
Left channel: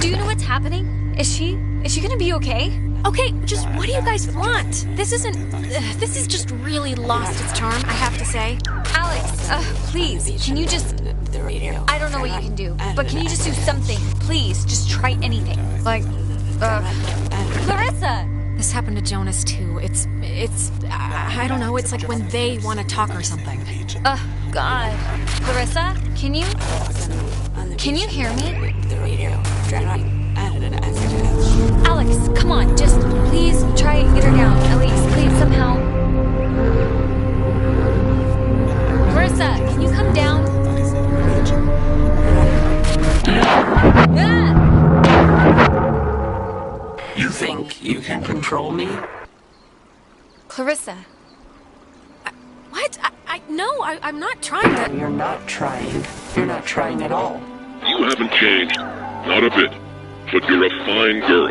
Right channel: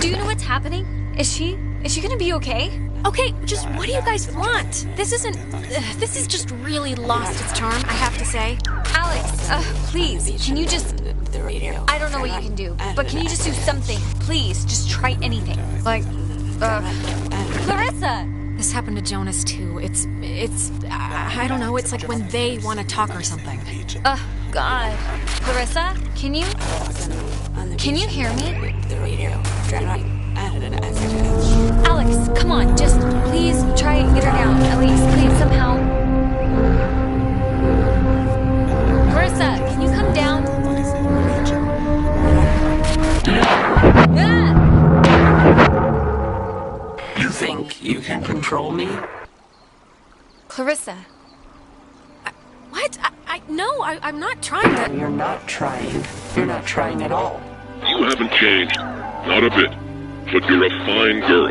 do you know what's happening? Is she gonna be okay? Okay, just what do you guys want? This is just really lost its charm, I have to say. Alex, please, can you just... I don't know what you can do, but can you just do something? Please, just try anything. Like, Clarissa! This happened to Jonas, too. I don't know, it's like when they want to talk or something. God. Clarissa, can you hear me? Alex, come on, just please try and get her down. At least, please, somehow. Clarissa, can you come down? You think you can control me? Clarissa, No, I'm not trying to... You're not trying. You're not trying at all. You haven't changed. Not a bit. But you're a fine girl.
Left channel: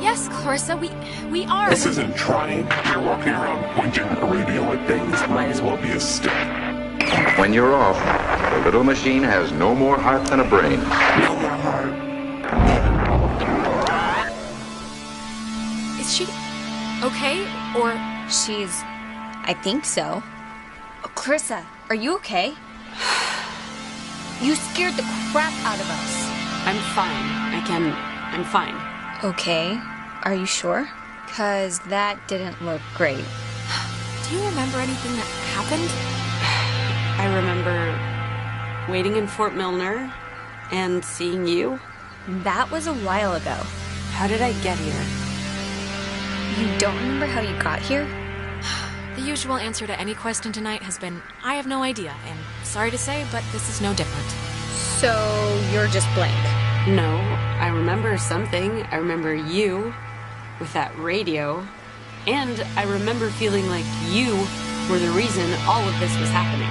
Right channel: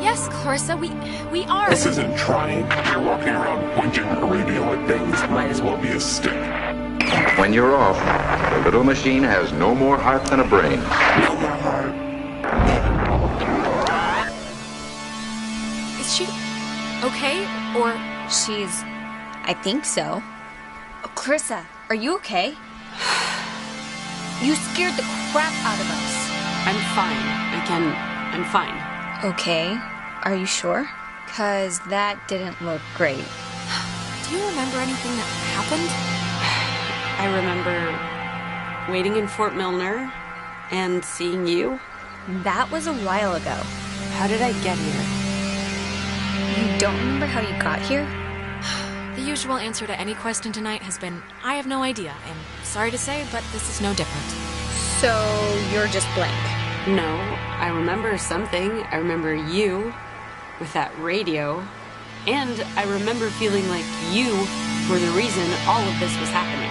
Yes, Clarissa, we are. This isn't trying. You're walking around pointing a radio at things. Might as well be a stick. When you're off, the little machine has no more heart than a brain. No more heart. Is she okay? Or... She's... I think so. Oh, Clarissa, are you okay? You scared the crap out of us. I'm fine. I'm fine. Okay. Are you sure? 'Cause that didn't look great. Do you remember anything that happened? I remember waiting in Fort Milner and seeing you. That was a while ago. How did I get here? You don't remember how you got here? The usual answer to any question tonight has been, I have no idea, and sorry to say, but this is no different. So, you're just blank. No, I remember something. I remember you with that radio, and I remember feeling like you were the reason all of this was happening.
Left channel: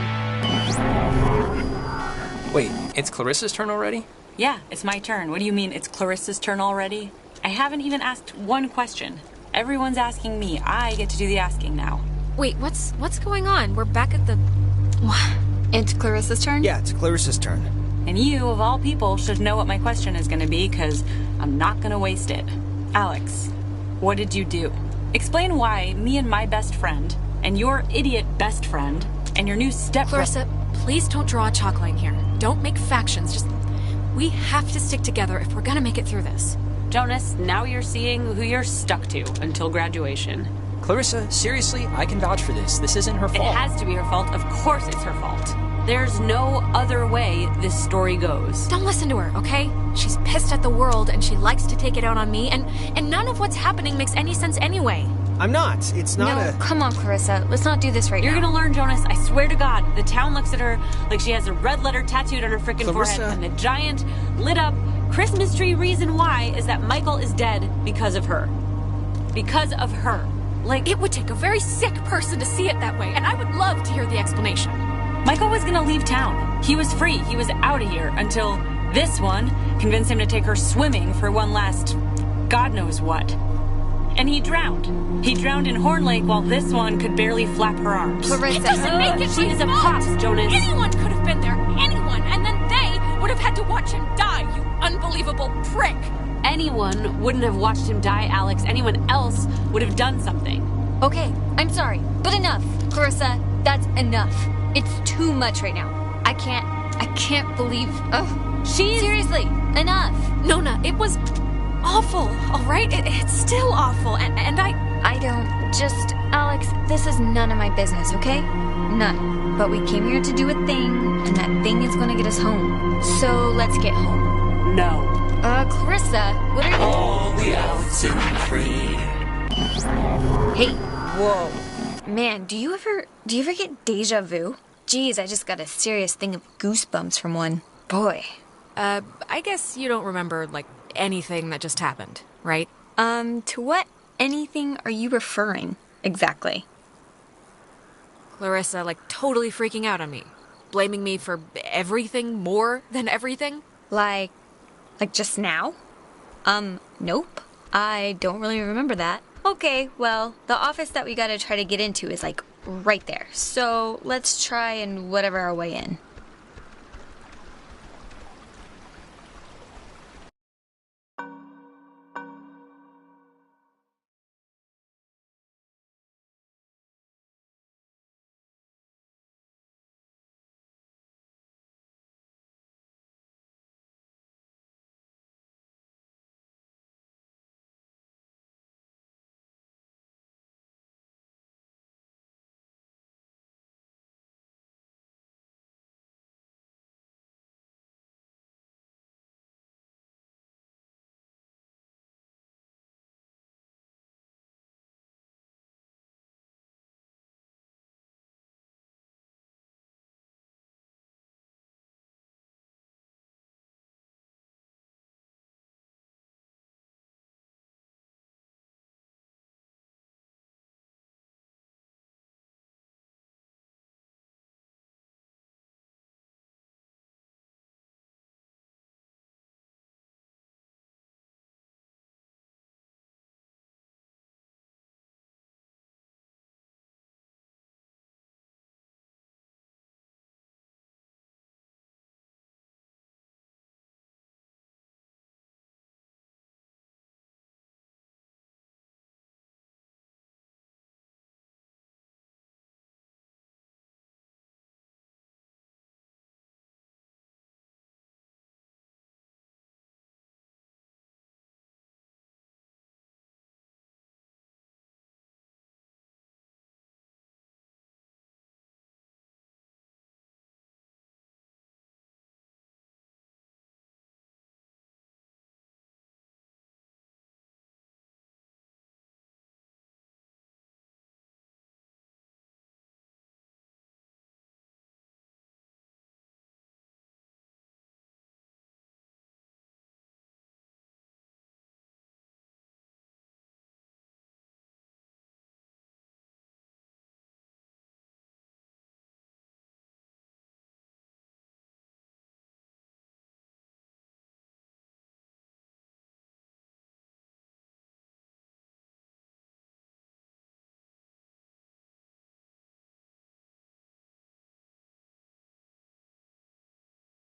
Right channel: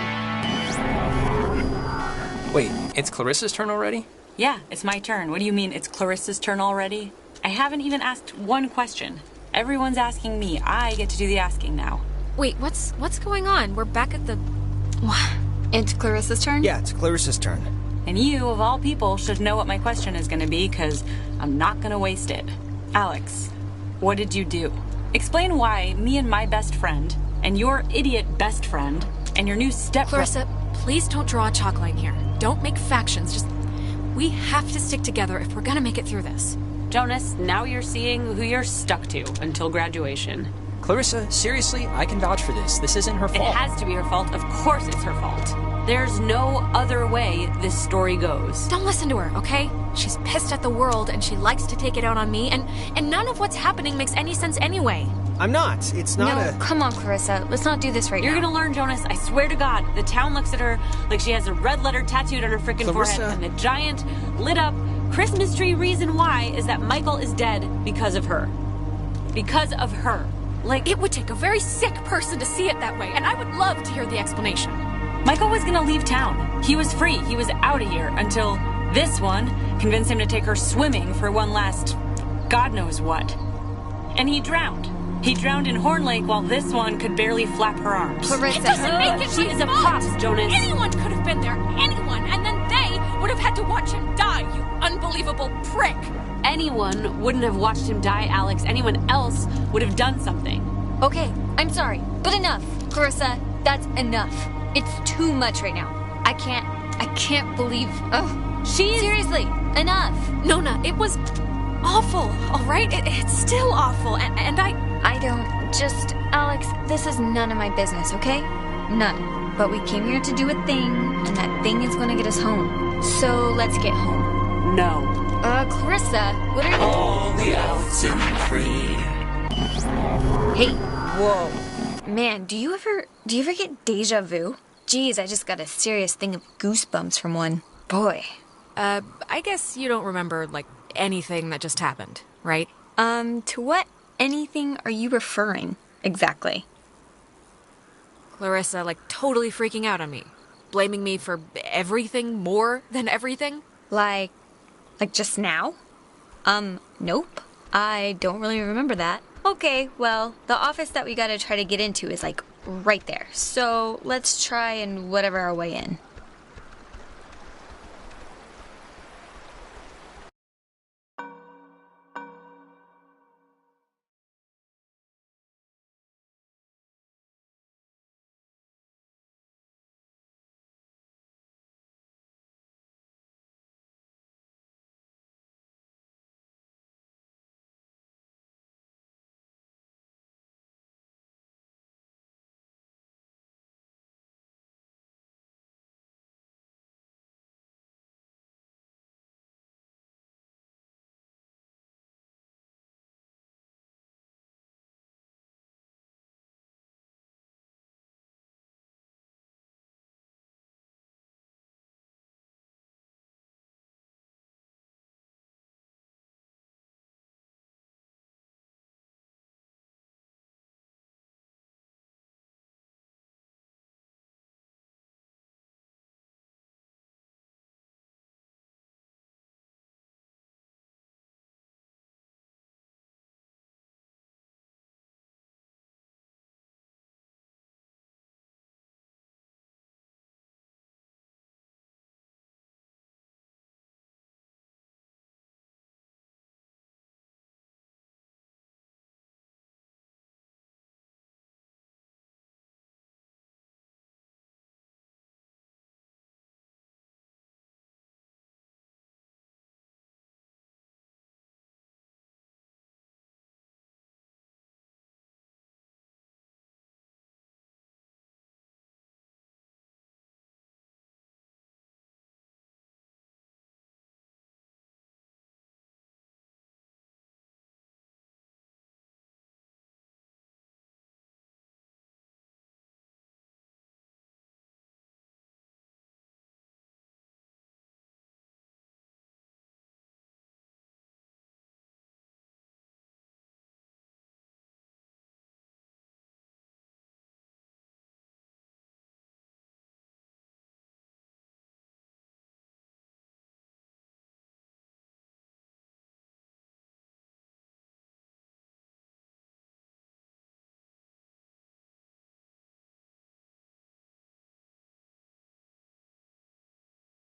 Wait, it's Clarissa's turn already? Yeah, it's my turn. What do you mean it's Clarissa's turn already? I haven't even asked one question. Everyone's asking me. I get to do the asking now. Wait, what's going on? We're back at the... It's Clarissa's turn? Yeah, it's Clarissa's turn. And you, of all people, should know what my question is going to be, because I'm not going to waste it. Alex, what did you do? Explain why me and my best friend, and your idiot best friend, and your new Clarissa, please don't draw a chalk line here. Don't make factions, just... We have to stick together if we're gonna make it through this. Jonas, now you're seeing who you're stuck to until graduation. Clarissa, seriously, I can vouch for this. This isn't her fault. It has to be her fault. Of course it's her fault. There's no other way this story goes. Don't listen to her, okay? She's pissed at the world and she likes to take it out on me, and none of what's happening makes any sense anyway. I'm not. It's not come on, Clarissa. Let's not do this right You're now. gonna learn, Jonas. I swear to God. The town looks at her like she has a red letter tattooed on her frickin' forehead, and the giant, lit up Christmas tree reason why is that Michael is dead because of her. Because of her. Like, it would take a very sick person to see it that way, and I would love to hear the explanation. Michael was gonna leave town. He was free. He was out of here until this one convinced him to take her swimming for one last God knows what. And he drowned. He drowned in Horn Lake while this one could barely flap her arms. Clarissa, it doesn't make it she my is a fault. pop, Jonas. Anyone could have been there. Anyone. And then they would have had to watch him die, you unbelievable prick. Anyone wouldn't have watched him die, Alex. Anyone else would have done something. Okay, I'm sorry, but enough. Clarissa, that's enough. It's too much right now. I can't believe... Ugh. Seriously, enough. Nona, it was awful, all right? It's still awful, and I don't... Just... Alex, this is none of my business, okay? None. But we came here to do a thing, and that thing is gonna get us home. So, let's get home. No. Clarissa, what are you... All the outs and free. Hey, whoa. Man, do you ever get deja vu? Geez, I just got a serious thing of goosebumps from one. Boy. I guess you don't remember, like, anything that just happened, right? To what anything are you referring, exactly? Clarissa, like, totally freaking out on me. Blaming me for everything more than everything? Like just now? Nope. I don't really remember that. Okay, well, the office that we gotta try to get into is, like, right there. So, let's try and whatever our way in.